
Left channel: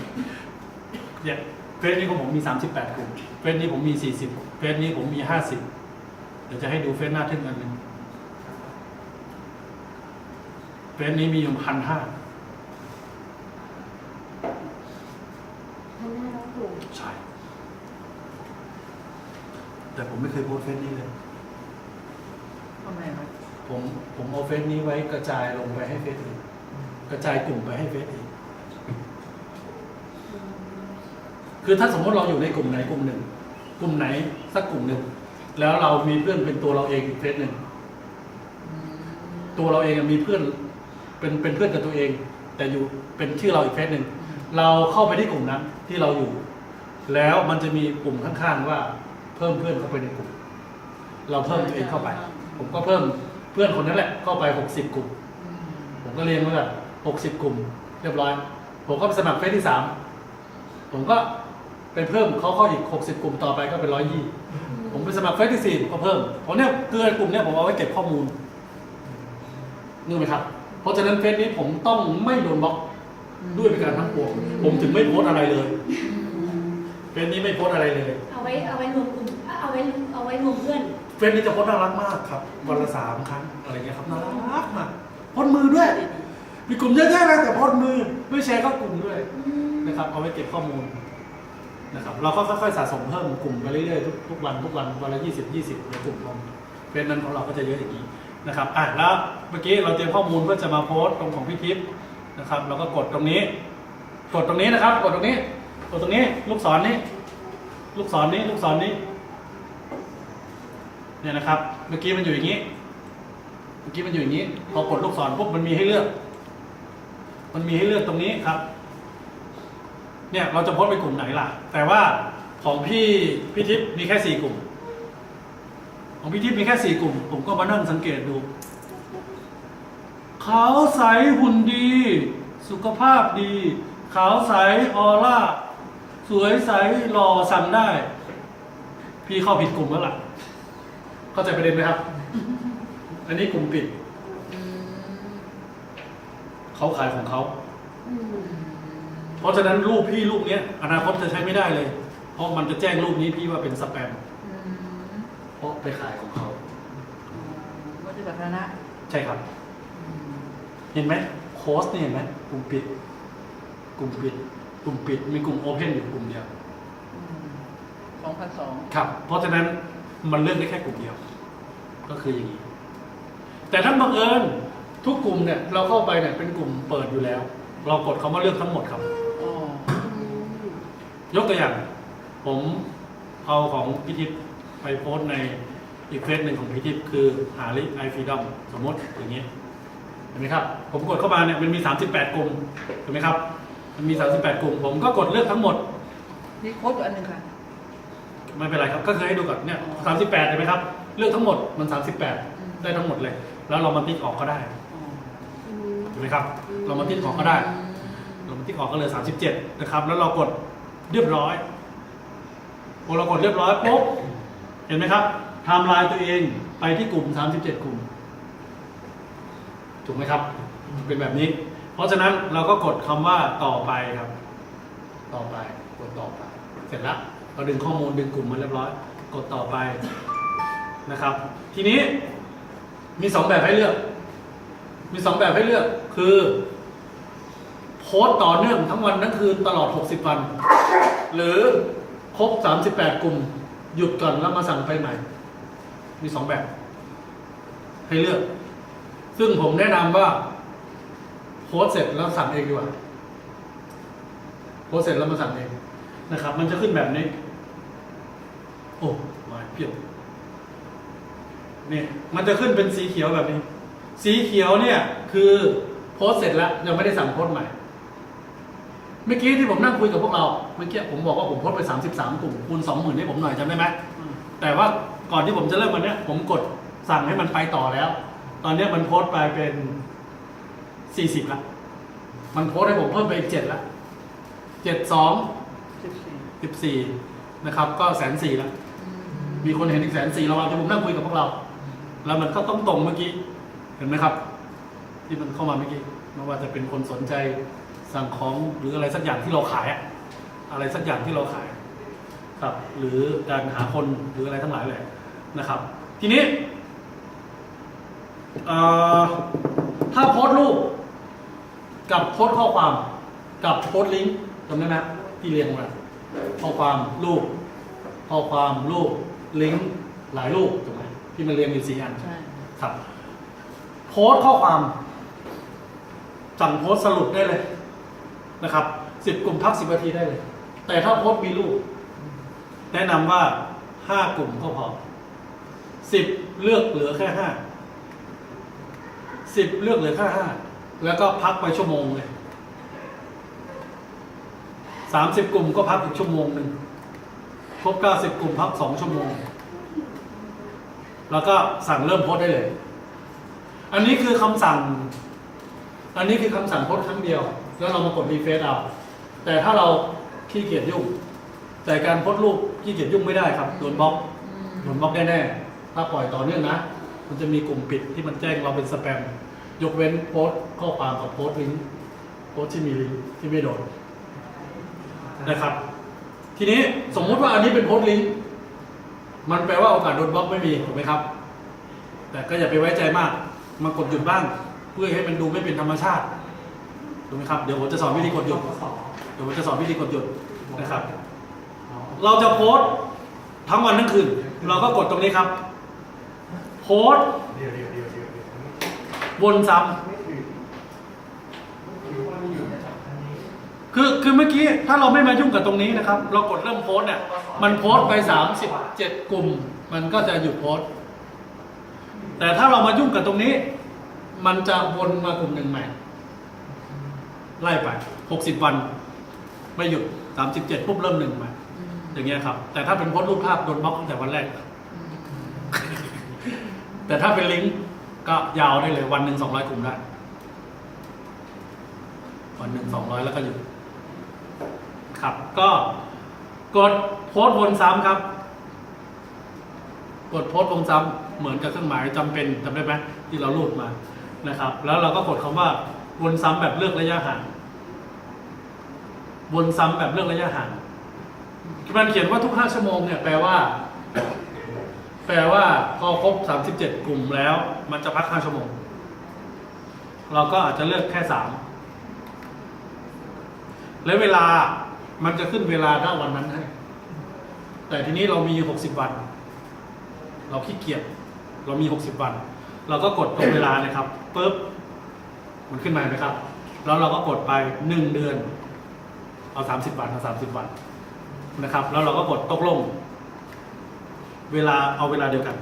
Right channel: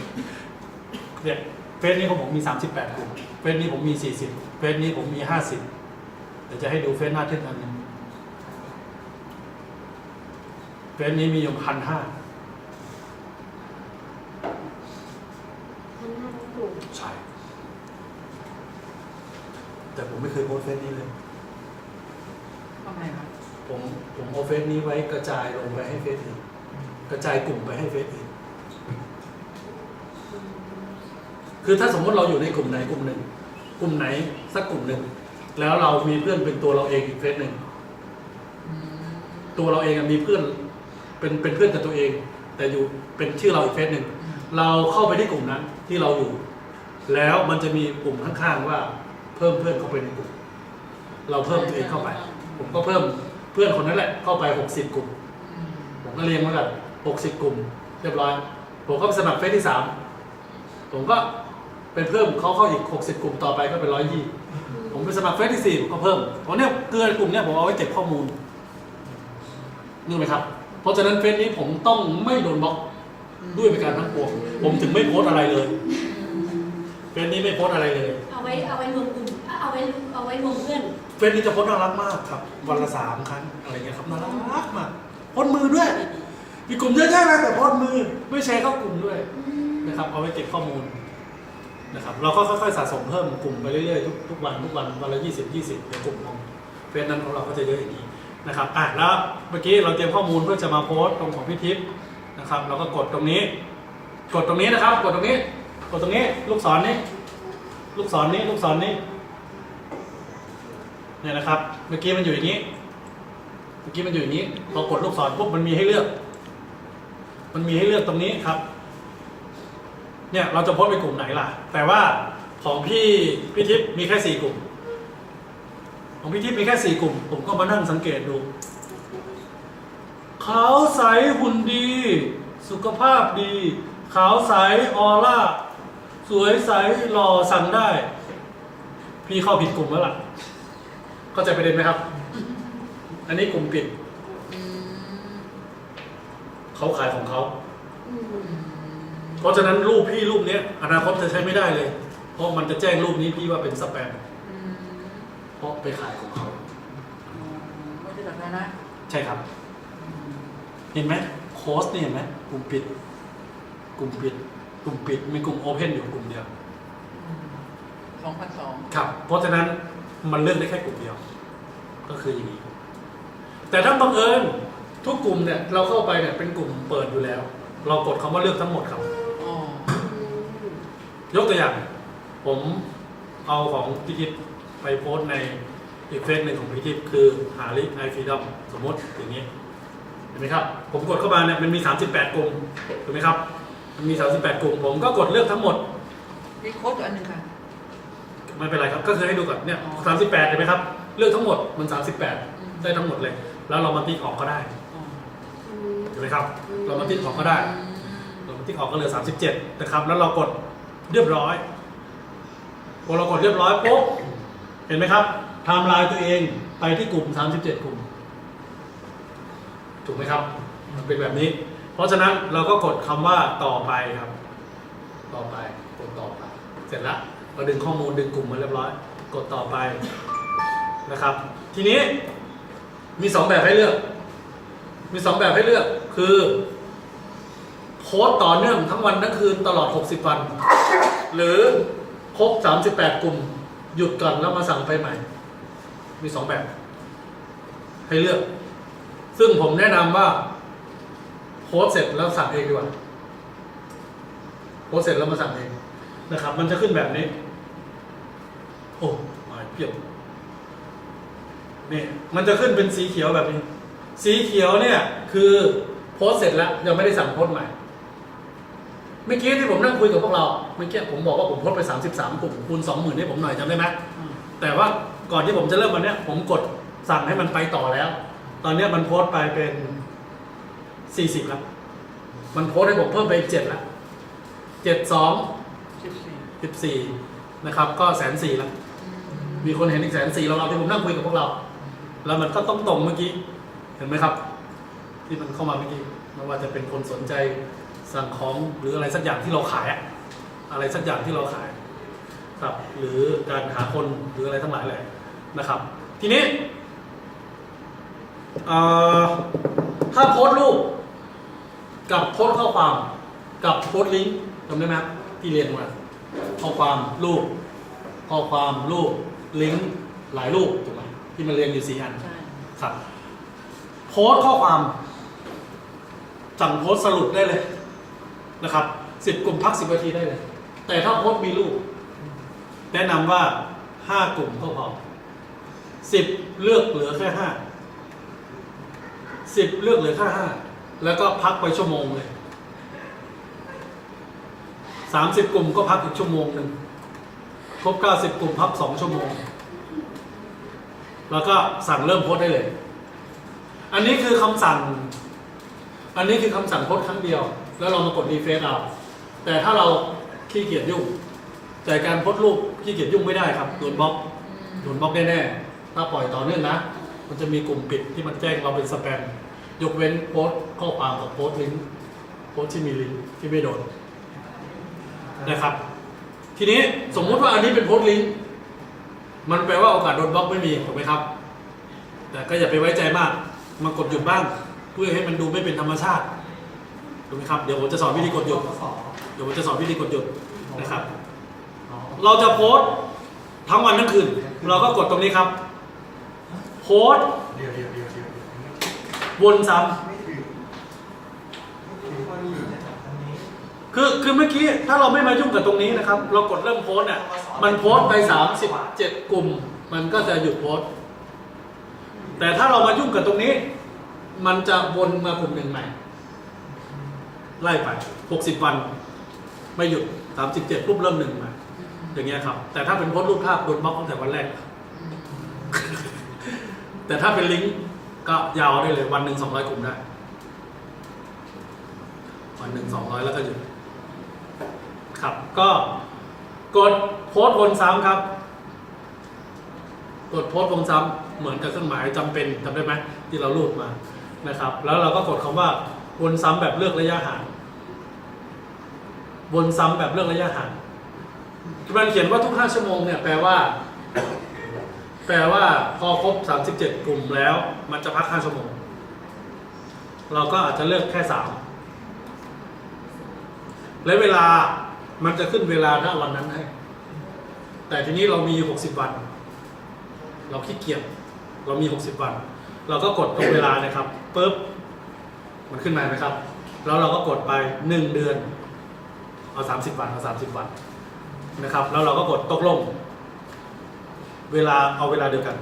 เนี่ยเฟซนี้ของผมมี38กลุ่มเฟซนี้ผมมี40เฟซนี้ผมมี50เดี๋ยวจะให้ดูเฟซหน้าทึ่งอันนึงเฟซนี้มีอยู่1,500ใช่แต่ผมไม่เคยโพสเฟซนี้เลยทำไมวะผมเอาเฟซนี้ไว้กระจายลงไปให้เฟซอื่นกระจายกลุ่มไปให้เฟซอื่นคือถ้าสมมติเราอยู่ในกลุ่มไหนกลุ่มหนึ่งกลุ่มไหนสักกลุ่มหนึ่งแล้วเรามีเพื่อนเป็นตัวเราเองอีกเฟซหนึ่งตัวเราเองมีเพื่อนเป็นเพื่อนกับตัวเองแต่อยู่เป็นชื่อเราอีกเฟซหนึ่งเราเข้าไปที่กลุ่มนั้นที่เราอยู่แล้วมันจะมีกลุ่มข้างๆว่าเพิ่มเพื่อนเข้าไปในกลุ่มเราเพิ่มตัวเองเข้าไปผมก็เพิ่มเพื่อนคนนั้นแหละเข้าไป60กลุ่มผมก็เรียงมาแบบ60กลุ่มเรียบร้อยผมก็สมัครเฟซที่3ผมก็เป็นเพิ่มเขาเข้าอีก60กลุ่มต่อไปก็เป็น120ผมไปสมัครเฟซที่4ก็เพิ่มเพราะเนี่ยเกลือกลุ่มเนี่ยผมเอาไว้เก็บข้อมูลนึกไหมครับเพราะฉะนั้นเฟซนี้ผมต้องไม่โดนบล็อกด้วยเป็นการทั้งปวงผมถึงไม่โพสอะไรเลยเฟซนี้ไม่โพสอะไรเลยเอาไว้รวมกลุ่มเอาไว้รวมเพื่อนเฟซนี้จะโพสน่ารักมากครับวันละ3 ครั้งอะไรเงี้ยครับน่ารักมากโพสมือด้วยมีกลุ่มเยอะแยะนะแต่โพสมือไม่แชร์เข้ากลุ่มด้วยนะครับเอาไว้เก็บข้อมูลนะครับเราก็ค่อยๆสะสมเพิ่มกลุ่มไปเรื่อยๆทุกวันวันละ20เดี๋ยวกลุ่มของเฟซนั้นของเราก็จะเยอะอย่างนี้นะครับแล้วเมื่อกี้เราเตรียมข้อมูลเพื่อจะมาโพสตรงของพี่ทิพย์นะครับเราก็กดตรงนี้นะครับกดตรงนี้ลูกศรนี้เนี่ยนะครับเมื่อกี้มันอยู่อย่างนี้พอกดลูกศรปุ๊บมันมีให้เลือกตรงนี้ครับเนี่ยเราจะโพสต์ไปกลุ่มไหนล่ะแต่ว่าของพี่ทิพย์มีแค่4 กลุ่มของพี่ทิพย์มีแค่4 กลุ่มผมก็มานั่งสังเกตดูขาวใสหุ่นดีสุขภาพดีขาวใสออร่าสวยใสหล่อสั่งได้พี่เข้าผิดกลุ่มแล้วล่ะเข้าใจประเด็นไหมครับอันนี้กลุ่มปิดเขาขายของเขาเพราะฉะนั้นรูปพี่รูปนี้อนาคตจะใช้ไม่ได้เลยเพราะมันจะแจ้งรูปนี้พี่ว่าเป็นสแปมเพราะไปขายของเขาก็จะแบบนั้นนะใช่ครับเห็นไหมโค้ชนี่เห็นไหมกลุ่มปิดมีกลุ่มโอเพนอยู่กลุ่มเดียว2,200ครับเพราะฉะนั้นมันเลือกได้แค่กลุ่มเดียวก็คืออย่างนี้แต่ถ้าบังเอิญทุกกลุ่มเนี่ยเราเข้าไปเนี่ยเป็นกลุ่มเปิดอยู่แล้วเรากดคำว่าเลือกทั้งหมดครับ ยกตัวอย่าง ผมเอาของพิทิพย์ไปโพสต์ในอีกเฟซหนึ่งของพิทิพย์คือหาลิไอฟรีดอมสมมติอย่างนี้เห็นไหมครับผมกดเข้ามาเนี่ยมันมี38กลุ่มเห็นไหมครับมันมี38กลุ่มผมก็กดเลือกทั้งหมด มีโค้ดอยู่อันหนึ่งค่ะ ไม่เป็นไรครับก็คือให้ดูก่อนเนี่ย38เห็นไหมครับเลือกทั้งหมดมัน38ได้ทั้งหมดเลย แล้วเรามาติ๊กออกก็ได้เห็นไหมครับเรามาติ๊กออกก็ได้เรามาติ๊กออกก็เลย37นะครับแล้วเรากดเรียบร้อยพอเรากดเรียบร้อยปุ๊บเห็นไหมครับไทม์ไลน์ตัวเองไปที่กลุ่ม37กลุ่มถูกไหมครับเป็นแบบนี้ เพราะฉะนั้นเราก็กดคำว่าต่อไปครับต่อไปกดต่อไปเสร็จแล้วเราดึงข้อมูลดึงกลุ่มมาเรียบร้อยกดต่อไปนะครับทีนี้มี2แบบให้เลือกมี2แบบให้เลือกคือโพสต์ต่อเนื่องทั้งวันทั้งคืนตลอด60วันหรือครบ38กลุ่มหยุดก่อนแล้วมาสั่งไปใหม่มี2แบบให้เลือกซึ่งผมแนะนำว่าโพสต์เสร็จแล้วสั่งเองดีกว่าโพสต์เสร็จแล้วมาสั่งเองนะครับมันจะขึ้นแบบนี้โอ้มาเพียบนี่มันจะขึ้นเป็นสีเขียวแบบนี้สีเขียวเนี่ยคือโพสต์เสร็จแล้วยังไม่ได้สั่งโพสต์ใหม่เมื่อกี้ที่ผมนั่งคุยกับพวกเราเมื่อกี้ผมบอกว่าผมโพสต์ไป33กลุ่มคูณ 20,000ให้ผมหน่อยจำได้ไหมแต่ว่าก่อนที่ผมจะเริ่มวันนี้ผมกดสั่งให้มันไปต่อแล้วตอนนี้มันโพสต์ไปเป็น40ครับมันโพสต์ให้ผมเพิ่มไปอีก7ละ14นะครับก็140,000แล้วมีคนเห็นอีก140,000เราที่ผมนั่งคุยกับพวกเราแล้วมันก็ต้องตรงเมื่อกี้เห็นไหมครับที่มันเข้ามาเมื่อกี้ไม่ว่าจะเป็นคนสนใจสั่งของหรืออะไรสักอย่างที่เราขายอะไรสักอย่างที่เราขายครับหรือการหาคนหรืออะไรทั้งหลายแหละนะครับทีนี้ถ้าโพสต์รูปกับโพสต์ข้อความกับโพสต์ลิงก์จำได้ไหมที่เรียนมาข้อความรูปข้อความรูปลิงก์หลายรูปถูกไหมที่มันเรียงอยู่4 อัน ใช่ ครับโพสต์ข้อความสั่งโพสต์สรุปได้เลยนะครับ10 กลุ่มพัก10 นาทีได้เลยแต่ถ้าโพสต์มีรูปแนะนำว่า5 กลุ่มก็พอ10เลือกเหลือแค่10เลือกเหลือแค่5แล้วก็พักไปชั่วโมงเลย30 กลุ่มก็พักอีกชั่วโมงนึงครบ90 กลุ่มพัก2 ชั่วโมงแล้วก็สั่งเริ่มโพสต์ได้เลยอันนี้คือคำสั่งโพสต์ครั้งเดียวแล้วเรามากดรีเฟรชเอาแต่ถ้าเราขี้เกียจยุ่งแต่การโพสต์รูปขี้เกียจยุ่งไม่ได้ครับโดนบล็อกแน่ๆถ้าปล่อยต่อเนื่องนะมันจะมีกลุ่มปิดที่มันแจ้งเราเป็นสแปมยกเว้นโพสต์ข้อความกับโพสต์ลิงก์โพสต์ที่มีลิงก์ที่ไม่โดนนะครับทีนี้สมมุติว่าอันนี้เป็นโพสต์ลิงก์มันแปลว่าโอกาสโดนบล็อกไม่มีถูกไหมครับแต่ก็อย่าไปไว้ใจมากมากดหยุดบ้างเพื่อให้มันดูไม่เป็นธรรมชาติถูกไหมครับเดี๋ยวผมจะสอนวิธีกดหยุดนะครับเราจะโพสต์ทั้งวันทั้งคืนเราก็กดตรงนี้ครับโพสต์วนซ้ำคือเมื่อกี้ถ้าเราไม่มายุ่งกับตรงนี้นะครับเรากดเริ่มโพสต์เนี่ยมันโพสต์ไป37 กลุ่มมันก็จะหยุดโพสต์แต่ถ้าเรามายุ่งกับตรงนี้มันจะวนมากลุ่มหนึ่งใหม่ไล่ไป60 วันไม่หยุด37ปุ๊บเริ่ม1ใหม่อย่างเงี้ยครับแต่ถ้าเป็นโพสต์รูปภาพโดนบล็อกตั้งแต่วันแรก แต่ถ้าเป็นลิงก์ก็ยาวได้เลยวันหนึ่ง200 กลุ่มได้วันหนึ่ง200แล้วก็หยุดครับก็กดโพสต์วนซ้ำครับกดโพสต์วนซ้ำเหมือนกับเครื่องหมายจำเป็นจำได้ไหมที่เราลูดมานะครับแล้วเราก็กดคำว่าวนซ้ำแบบเลือกระยะห่างวนซ้ำแบบเลือกระยะห่างมันเขียนว่าทุก5 ชั่วโมงเนี่ยแปลว่าพอครบ37 กลุ่มแล้วมันจะพัก5 ชั่วโมงเราก็อาจจะเลือกแค่3และเวลามันจะขึ้นเวลาณวันนั้นให้แต่ทีนี้เรามี60 วันเราขี้เกียจเรามี60 วันเราก็กดตรงเวลานะครับปึ๊บมันขึ้นมาไหมครับแล้วเราก็กดไป1 เดือนเอา30 วันเอา30 วัน นะครับ แล้วเราก็กดตกลงเวลาเอาเวลาเดียวกัน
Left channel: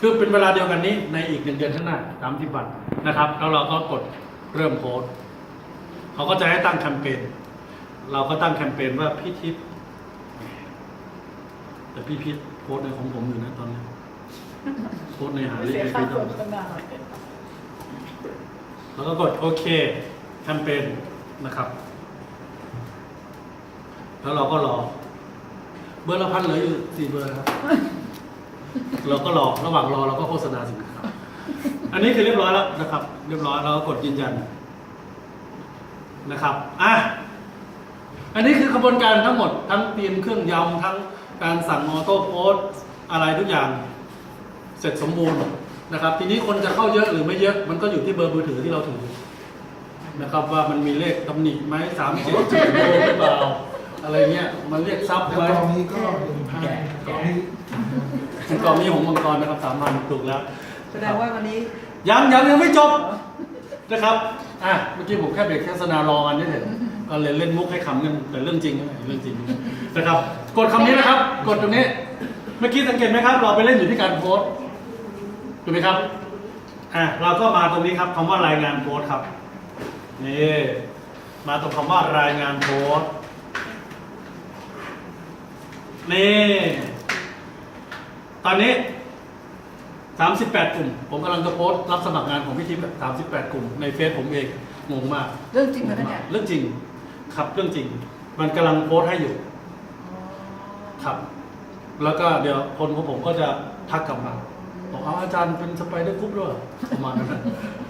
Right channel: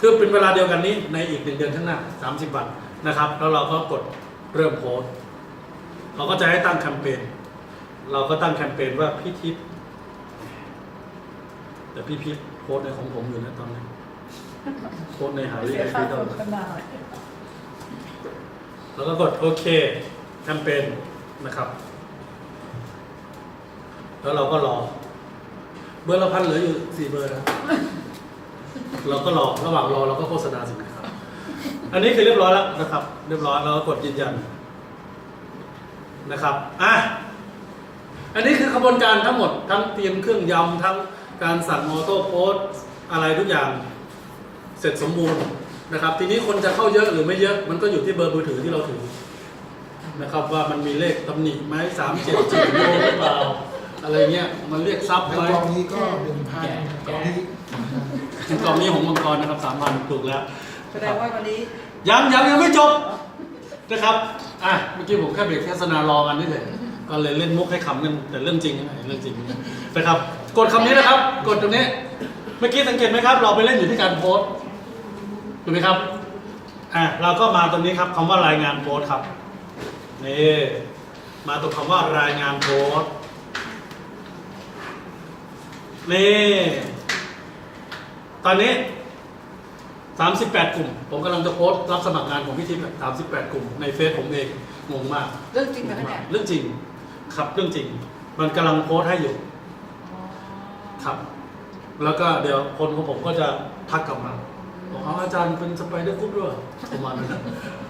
คือเป็นเวลาเดียวกันนี้ในอีก1 เดือนข้างหน้า30 วันนะครับแล้วเราก็กดเริ่มโพสต์เขาก็จะให้ตั้งแคมเปญเราก็ตั้งแคมเปญว่าพี่ทิพย์แต่พี่ทิพย์โพสต์ในของผมอยู่นะตอนนี้โพสต์ในหาลี เสีย ไอ ค่า พี โฆษณาหน่อย แล้วก็กดโอเคแคมเปญนะครับแล้วเราก็รอเบอร์ละพันเหลืออยู่4 เบอร์นะครับเราก็รอระหว่างรอเราก็โฆษณาสินค้าอันนี้คือเรียบร้อยแล้วนะครับเรียบร้อยเราก็กดยืนยันนะครับอันนี้คือกระบวนการทั้งหมดทั้งเตรียมเครื่องยำทั้งการสั่งออโต้โพสต์อะไรทุกอย่างเสร็จสมบูรณ์นะครับทีนี้คนจะเข้าเยอะหรือไม่เยอะมันก็อยู่ที่เบอร์มือถือที่เราถือนะครับว่ามันมีเลขตำหนิไหม377โลหรือเปล่าอะไรเงี้ยมันเรียกซับ แล้ว ไว้ กองนี้ก็1,000กองนี้ กองนี้ของมังกรนะครับ3,000ถูกแล้ว แสดงว่าวันนี้ ยังไม่จบนะครับเมื่อกี้ผมแค่เบรกโฆษณารอกันนี่เถอะก็เลยเล่นมุกให้ขำกันแต่เรื่องจริงนะเรื่องจริงนะครับกดคำนี้นะครับกดตรงนี้เมื่อกี้สังเกตไหมครับเราไปเล่นอยู่ที่การโพสต์ถูกไหมครับเราก็มาตรงนี้ครับคำว่ารายงานโพสต์ครับนี่มาตรงคำว่ารายงานโพสต์นี่ตอนนี้38 กลุ่มผมกำลังจะโพสต์รับสมัครงานของพี่ทิพย์38 กลุ่มในเฟซผมเองงงมาก เรื่องจริงไหมคะเนี่ย เรื่องจริงครับเรื่องจริง มันกำลังโพสต์ให้อยู่ครับแล้วก็เดี๋ยวคนของผมก็จะทักกลับมาบอกอาจารย์เป็นสไปเดอร์กรุ๊ปด้วยประมาณนั้น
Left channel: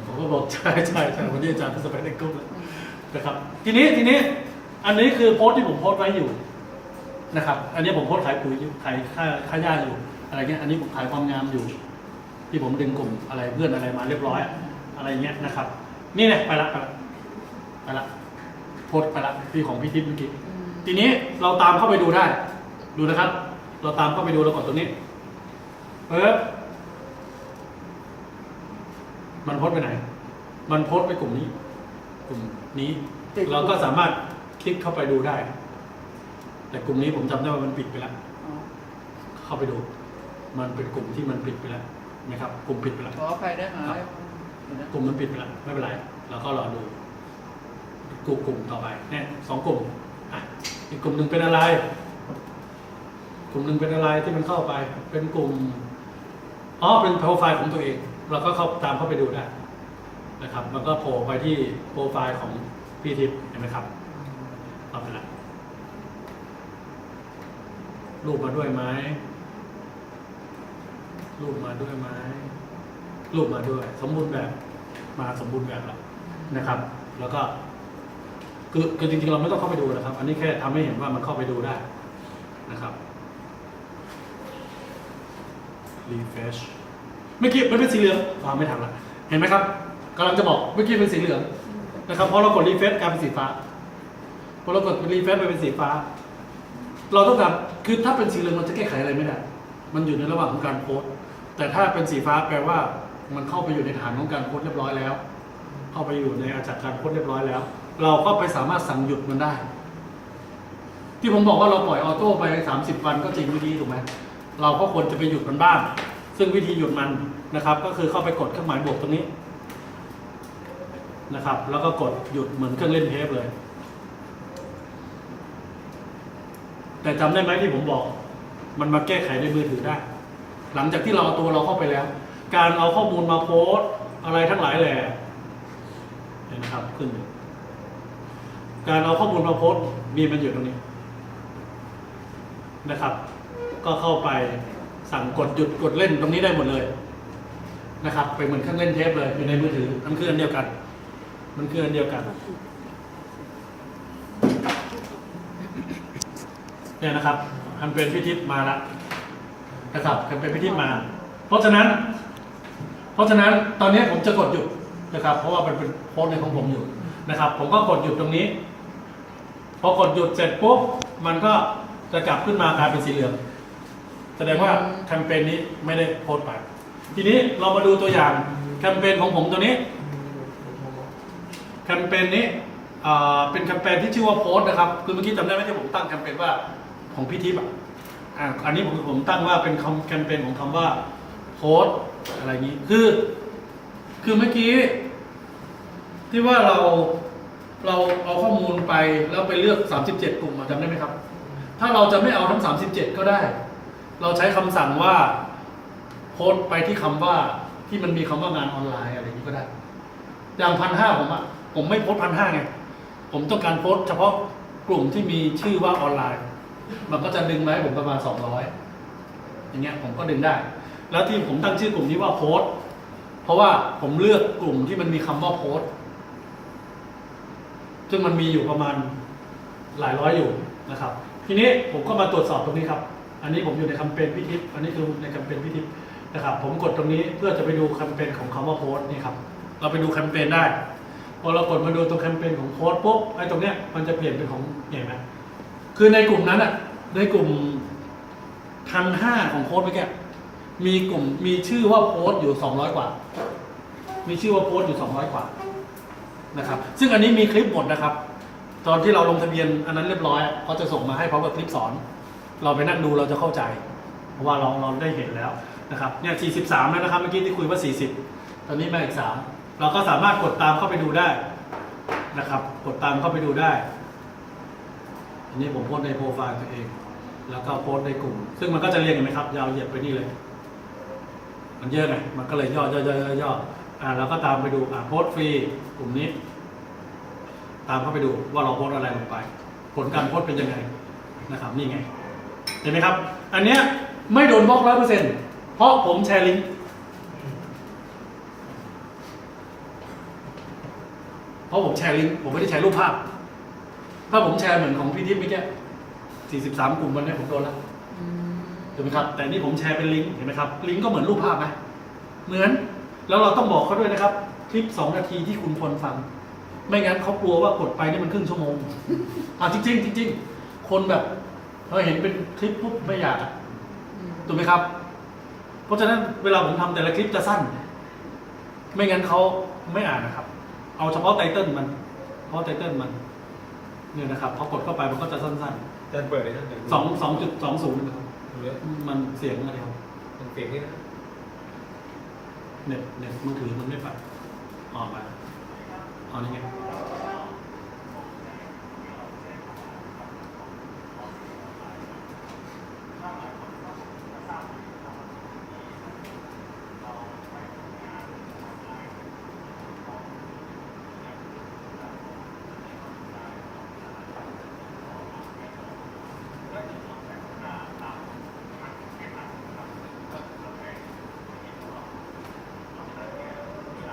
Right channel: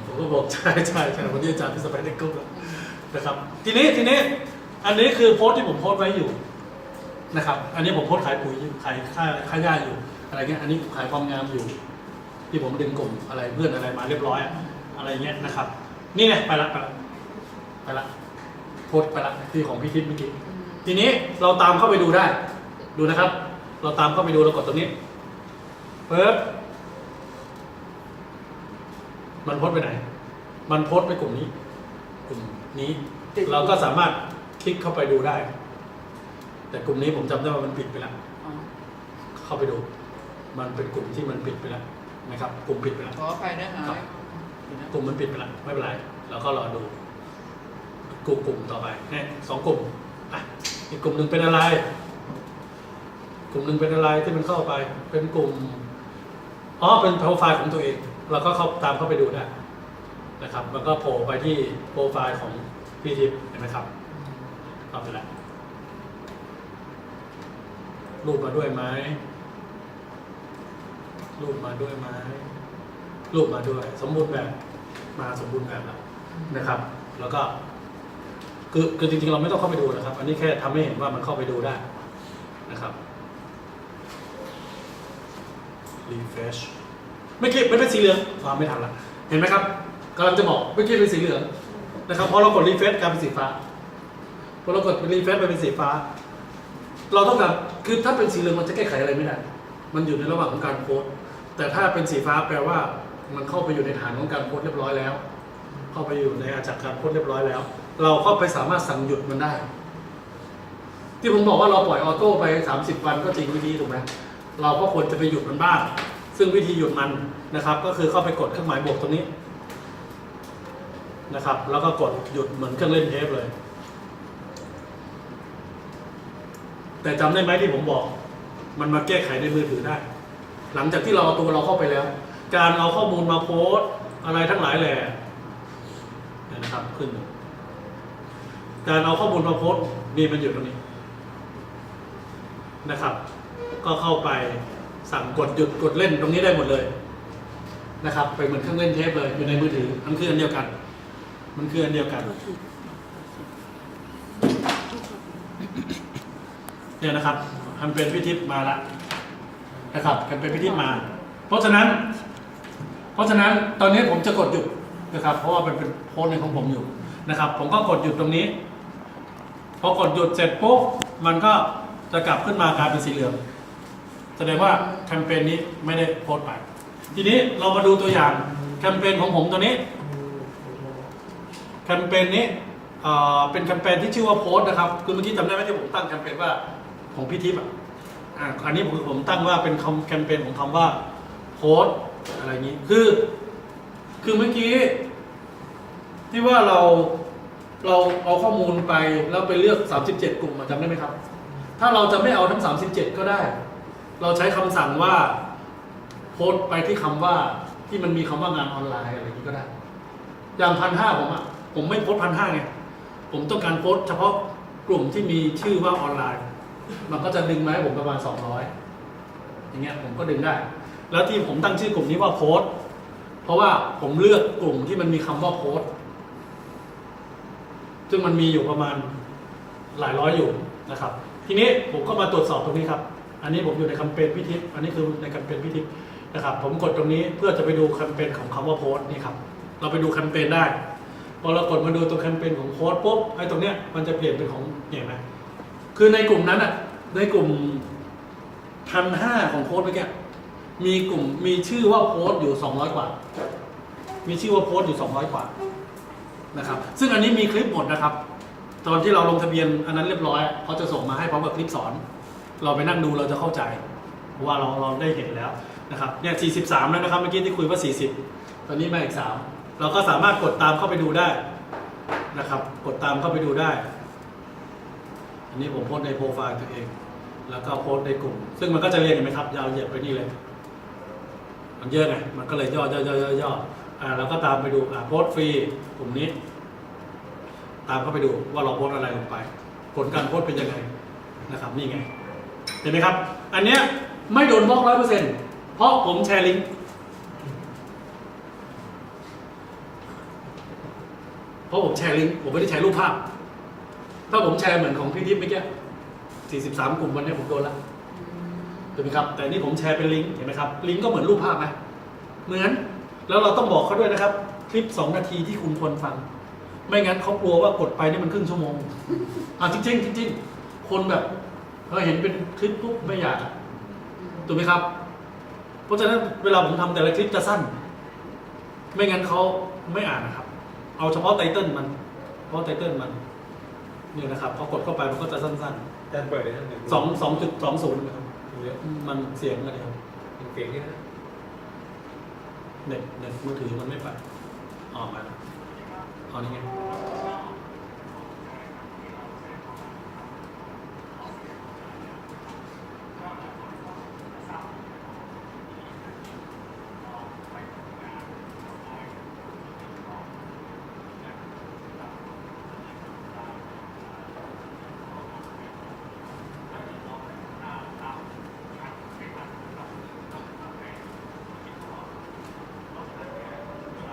ผมก็บอกใช่วันนี้อาจารย์เป็นสไปเดอร์กรุ๊ปนะครับทีนี้อันนี้คือโพสต์ที่ผมโพสต์ไว้อยู่นะครับอันนี้ผมโพสต์ขายปุ๋ยขายค่าหญ้าอยู่อะไรเงี้ยอันนี้ผมขายความงามอยู่ ที่ผมดึงกลุ่มอะไรเพื่อนอะไรมาเรียบร้อยอะไรเงี้ยนะครับนี่ไงไปละโพสต์ไปละที่ของพี่ทิพย์เมื่อกี้ทีนี้เราตามเข้าไปดูได้ดูนะครับเราตามเข้าไปดูเรากดตรงนี้ปึ๊บมันโพสต์ไปไหนมันโพสต์ไปกลุ่มนี้เราก็สามารถคลิกเข้าไปดูได้ แต่กลุ่มนี้ผมจำได้ว่ามันปิดไปแล้วเข้าไปดูมันเป็นกลุ่มที่มันปิดไปแล้วนะครับกลุ่มปิดไปแล้ว ขอไปนะหาย กลุ่มมันปิดไปแล้วไม่เป็นไรเราก็รอดูกลุ่มต่อไปเนี่ย2 กลุ่มอีกกลุ่มหนึ่งเป็นอะไรกลุ่มหนึ่งเป็นอะไรที่มันเข้าไปเป็นกลุ่มเป็นโปรไฟล์ของตัวเองเราก็เข้าตามเข้าไปดูได้นะครับมันก็โผล่ไปที่โปรไฟล์ของพี่ทิพย์เห็นไหมครับเอาไปแล้วรูปมาด้วยไหมรูปมาด้วยสมบูรณ์แบบมาสมบูรณ์แบบแล้วนะครับแล้วก็คือจริงๆเราไม่ต้องเข้าไปดูนะครับ อันนี้แค่ทำให้เห็นว่ามันเข้าไปดูได้นะครับ refresh เมื่อกี้มันเป็นสีเหลืองไม่ทันละเห็นไหมครับกำลังจะบอกเมื่อกี้เป็นสีเหลืองนะครับพอเรากด refresh กลายเป็นสีฟ้าพอเรากด refresh ไปเป็นสีฟ้าเราต้องการคือถ้าเป็นสีเหลืองมันจะแก้ไขอะไรไม่ได้มันอยู่ในระหว่างของการโพสต์แต่ถ้าเป็นสีฟ้าแปลว่ามันเข้าไปอยู่ในฐานของการโพสต์เรียบร้อยแล้วเข้าไปอยู่ในอาจากการโพสต์เรียบร้อยแล้วเราก็ไปสามารถสั่งหยุดมันได้ที่ผมบอกว่าเราปล่อยออโต้ไป30 วันก็จริงวิธีถูกไหมเราก็ควรจะไปหยุดมันบ้างซึ่งวิธีหยุดมันนะครับก็คือเข้าไปกดเครื่องหมายบวกตรงนี้นะครับแล้วก็กดหยุดเหมือนเครื่องเล่นเทปเลยแต่จำได้ไหมที่ผมบอกมันมาแก้ไขในมือถือได้หลังจากที่เราเอาตัวเราเข้าไปแล้วการเอาข้อมูลมาโพสต์อะไรทั้งหลายเลยนะครับขึ้นการเอาข้อมูลมาโพสต์มีมันอยู่ตรงนี้นะครับก็เข้าไปสั่งกดหยุดกดเล่นตรงนี้ได้หมดเลยนะครับไปเหมือนเครื่องเล่นเทปเลยอยู่ในมือถือมันคืออันเดียวกันเนี่ยนะครับทำเป็นพิธีมาแล้วนะครับทำเป็นพิธีมาเพราะฉะนั้นตอนนี้ผมจะกดหยุดนะครับเพราะว่ามันเป็นโพสต์ในของผมอยู่นะครับผมก็กดหยุดตรงนี้พอกดหยุดเสร็จปุ๊บมันก็จะกลับขึ้นมากลายเป็นสีเหลืองแสดงว่าแคมเปญนี้ไม่ได้โพสต์ไปทีนี้เรามาดูตัวอย่างแคมเปญของผมตัวนี้แคมเปญนี้ เป็นแคมเปญที่ชื่อว่าโพสต์นะครับคือเมื่อกี้จำได้ไหมที่ผมตั้งแคมเปญว่าของพี่ทิพย์อันนี้ผมตั้งว่าเป็นแคมเปญของคำว่าโพสต์อะไรนี้คือเมื่อกี้ที่ว่าเราเอาข้อมูลไปแล้วไปเลือก37กลุ่มจำได้ไหมครับถ้าเราจะไม่เอาทั้ง37ก็ได้เราใช้คำสั่งว่าโพสต์ไปที่คำว่าที่มันมีคำว่างานออนไลน์อะไรนี้ก็ได้อย่าง1,500ผมไม่โพสต์1,500ไงผมต้องการโพสต์เฉพาะกลุ่มที่มีชื่อว่าออนไลน์มันก็จะดึงมาให้ผมประมาณ200อย่างเงี้ยผมก็ดึงได้ แล้วที่ผมตั้งชื่อกลุ่มนี้ว่าโพสต์เพราะว่าผมเลือกกลุ่มที่มันมีคำว่าโพสต์ซึ่งมันมีอยู่ประมาณหลายร้อยอยู่นะครับทีนี้ผมก็มาตรวจสอบตรงนี้ครับอันนี้ผมอยู่ในแคมเปญพิทิพย์อันนี้คือในแคมเปญพิทิพย์นะครับผมกดตรงนี้เพื่อจะไปดูแคมเปญของคำว่าโพสต์นี่ครับเราไปดูแคมเปญได้พอเรากดมาดูตรงแคมเปญของโพสต์ปุ๊บไอ้ตรงเนี้ยมันจะเปลี่ยนเป็นของเห็นไหมคือในกลุ่มนั้นอ่ะในกลุ่ม1,500ของโพสต์เมื่อกี้มีชื่อว่าโพสต์อยู่200กว่ามีชื่อว่าโพสต์อยู่200กว่านะครับซึ่งอันนี้มีคลิปหมดนะครับตอนที่เราลงทะเบียนอันนั้นเรียบร้อยเขาจะส่งมาให้พร้อมกับคลิปสอนเราไปนั่งดูเราจะเข้าใจเพราะว่าเราได้เห็นแล้วนะครับเนี่ย43แล้วนะครับเมื่อกี้ที่คุยว่า40ตอนนี้มาอีก3เราก็สามารถกดตามเข้าไปดูได้นะครับกดตามเข้าไปดูได้อันนี้ผมโพสต์ในโปรไฟล์ตัวเองแล้วก็โพสต์ในกลุ่มซึ่งมันก็จะเรียงกันไหมครับยาวเหยียดไปนี่เลยมันเยอะไงมันก็เลยย่อเราก็ตามไปดูโพสต์ฟรีกลุ่มนี้ตามเข้าไปดูว่าเราโพสต์อะไรลงไปผลการโพสต์เป็นยังไงนะครับนี่ไงเห็นไหมครับอันเนี้ยไม่โดนบล็อก100%เพราะผมแชร์ลิงก์ผมไม่ได้แชร์รูปภาพถ้าผมแชร์เหมือนของพี่ทิพย์เมื่อกี้43กลุ่มวันนี้ผมโดนละถูกไหมครับแต่นี่ผมแชร์เป็นลิงก์เห็นไหมครับลิงก์ก็เหมือนรูปภาพไหมเหมือนแล้วเราต้องบอกเขาด้วยนะครับคลิป2 นาทีที่คุณควรฟังไม่งั้นเขากลัวว่ากดไปนี่มันครึ่งชั่วโมงจริงคนแบบเห็นเป็นคลิปปุ๊บไม่อยากถูกไหมครับเพราะฉะนั้นเวลาผมทำแต่ละคลิปจะสั้นไม่งั้นเขาไม่อ่านนะครับเอาเฉพาะไตเติ้ลมันเนี่ยนะครับพอกดเข้าไปมันก็จะสั้นๆ แต่เปิดได้เท่าไหร่ 2.20นะครับมันเสียงอะไรครับ มันเปลี่ยนที่นะ เน็ตมือถือมันไม่ไปออกมาเอานี่ไง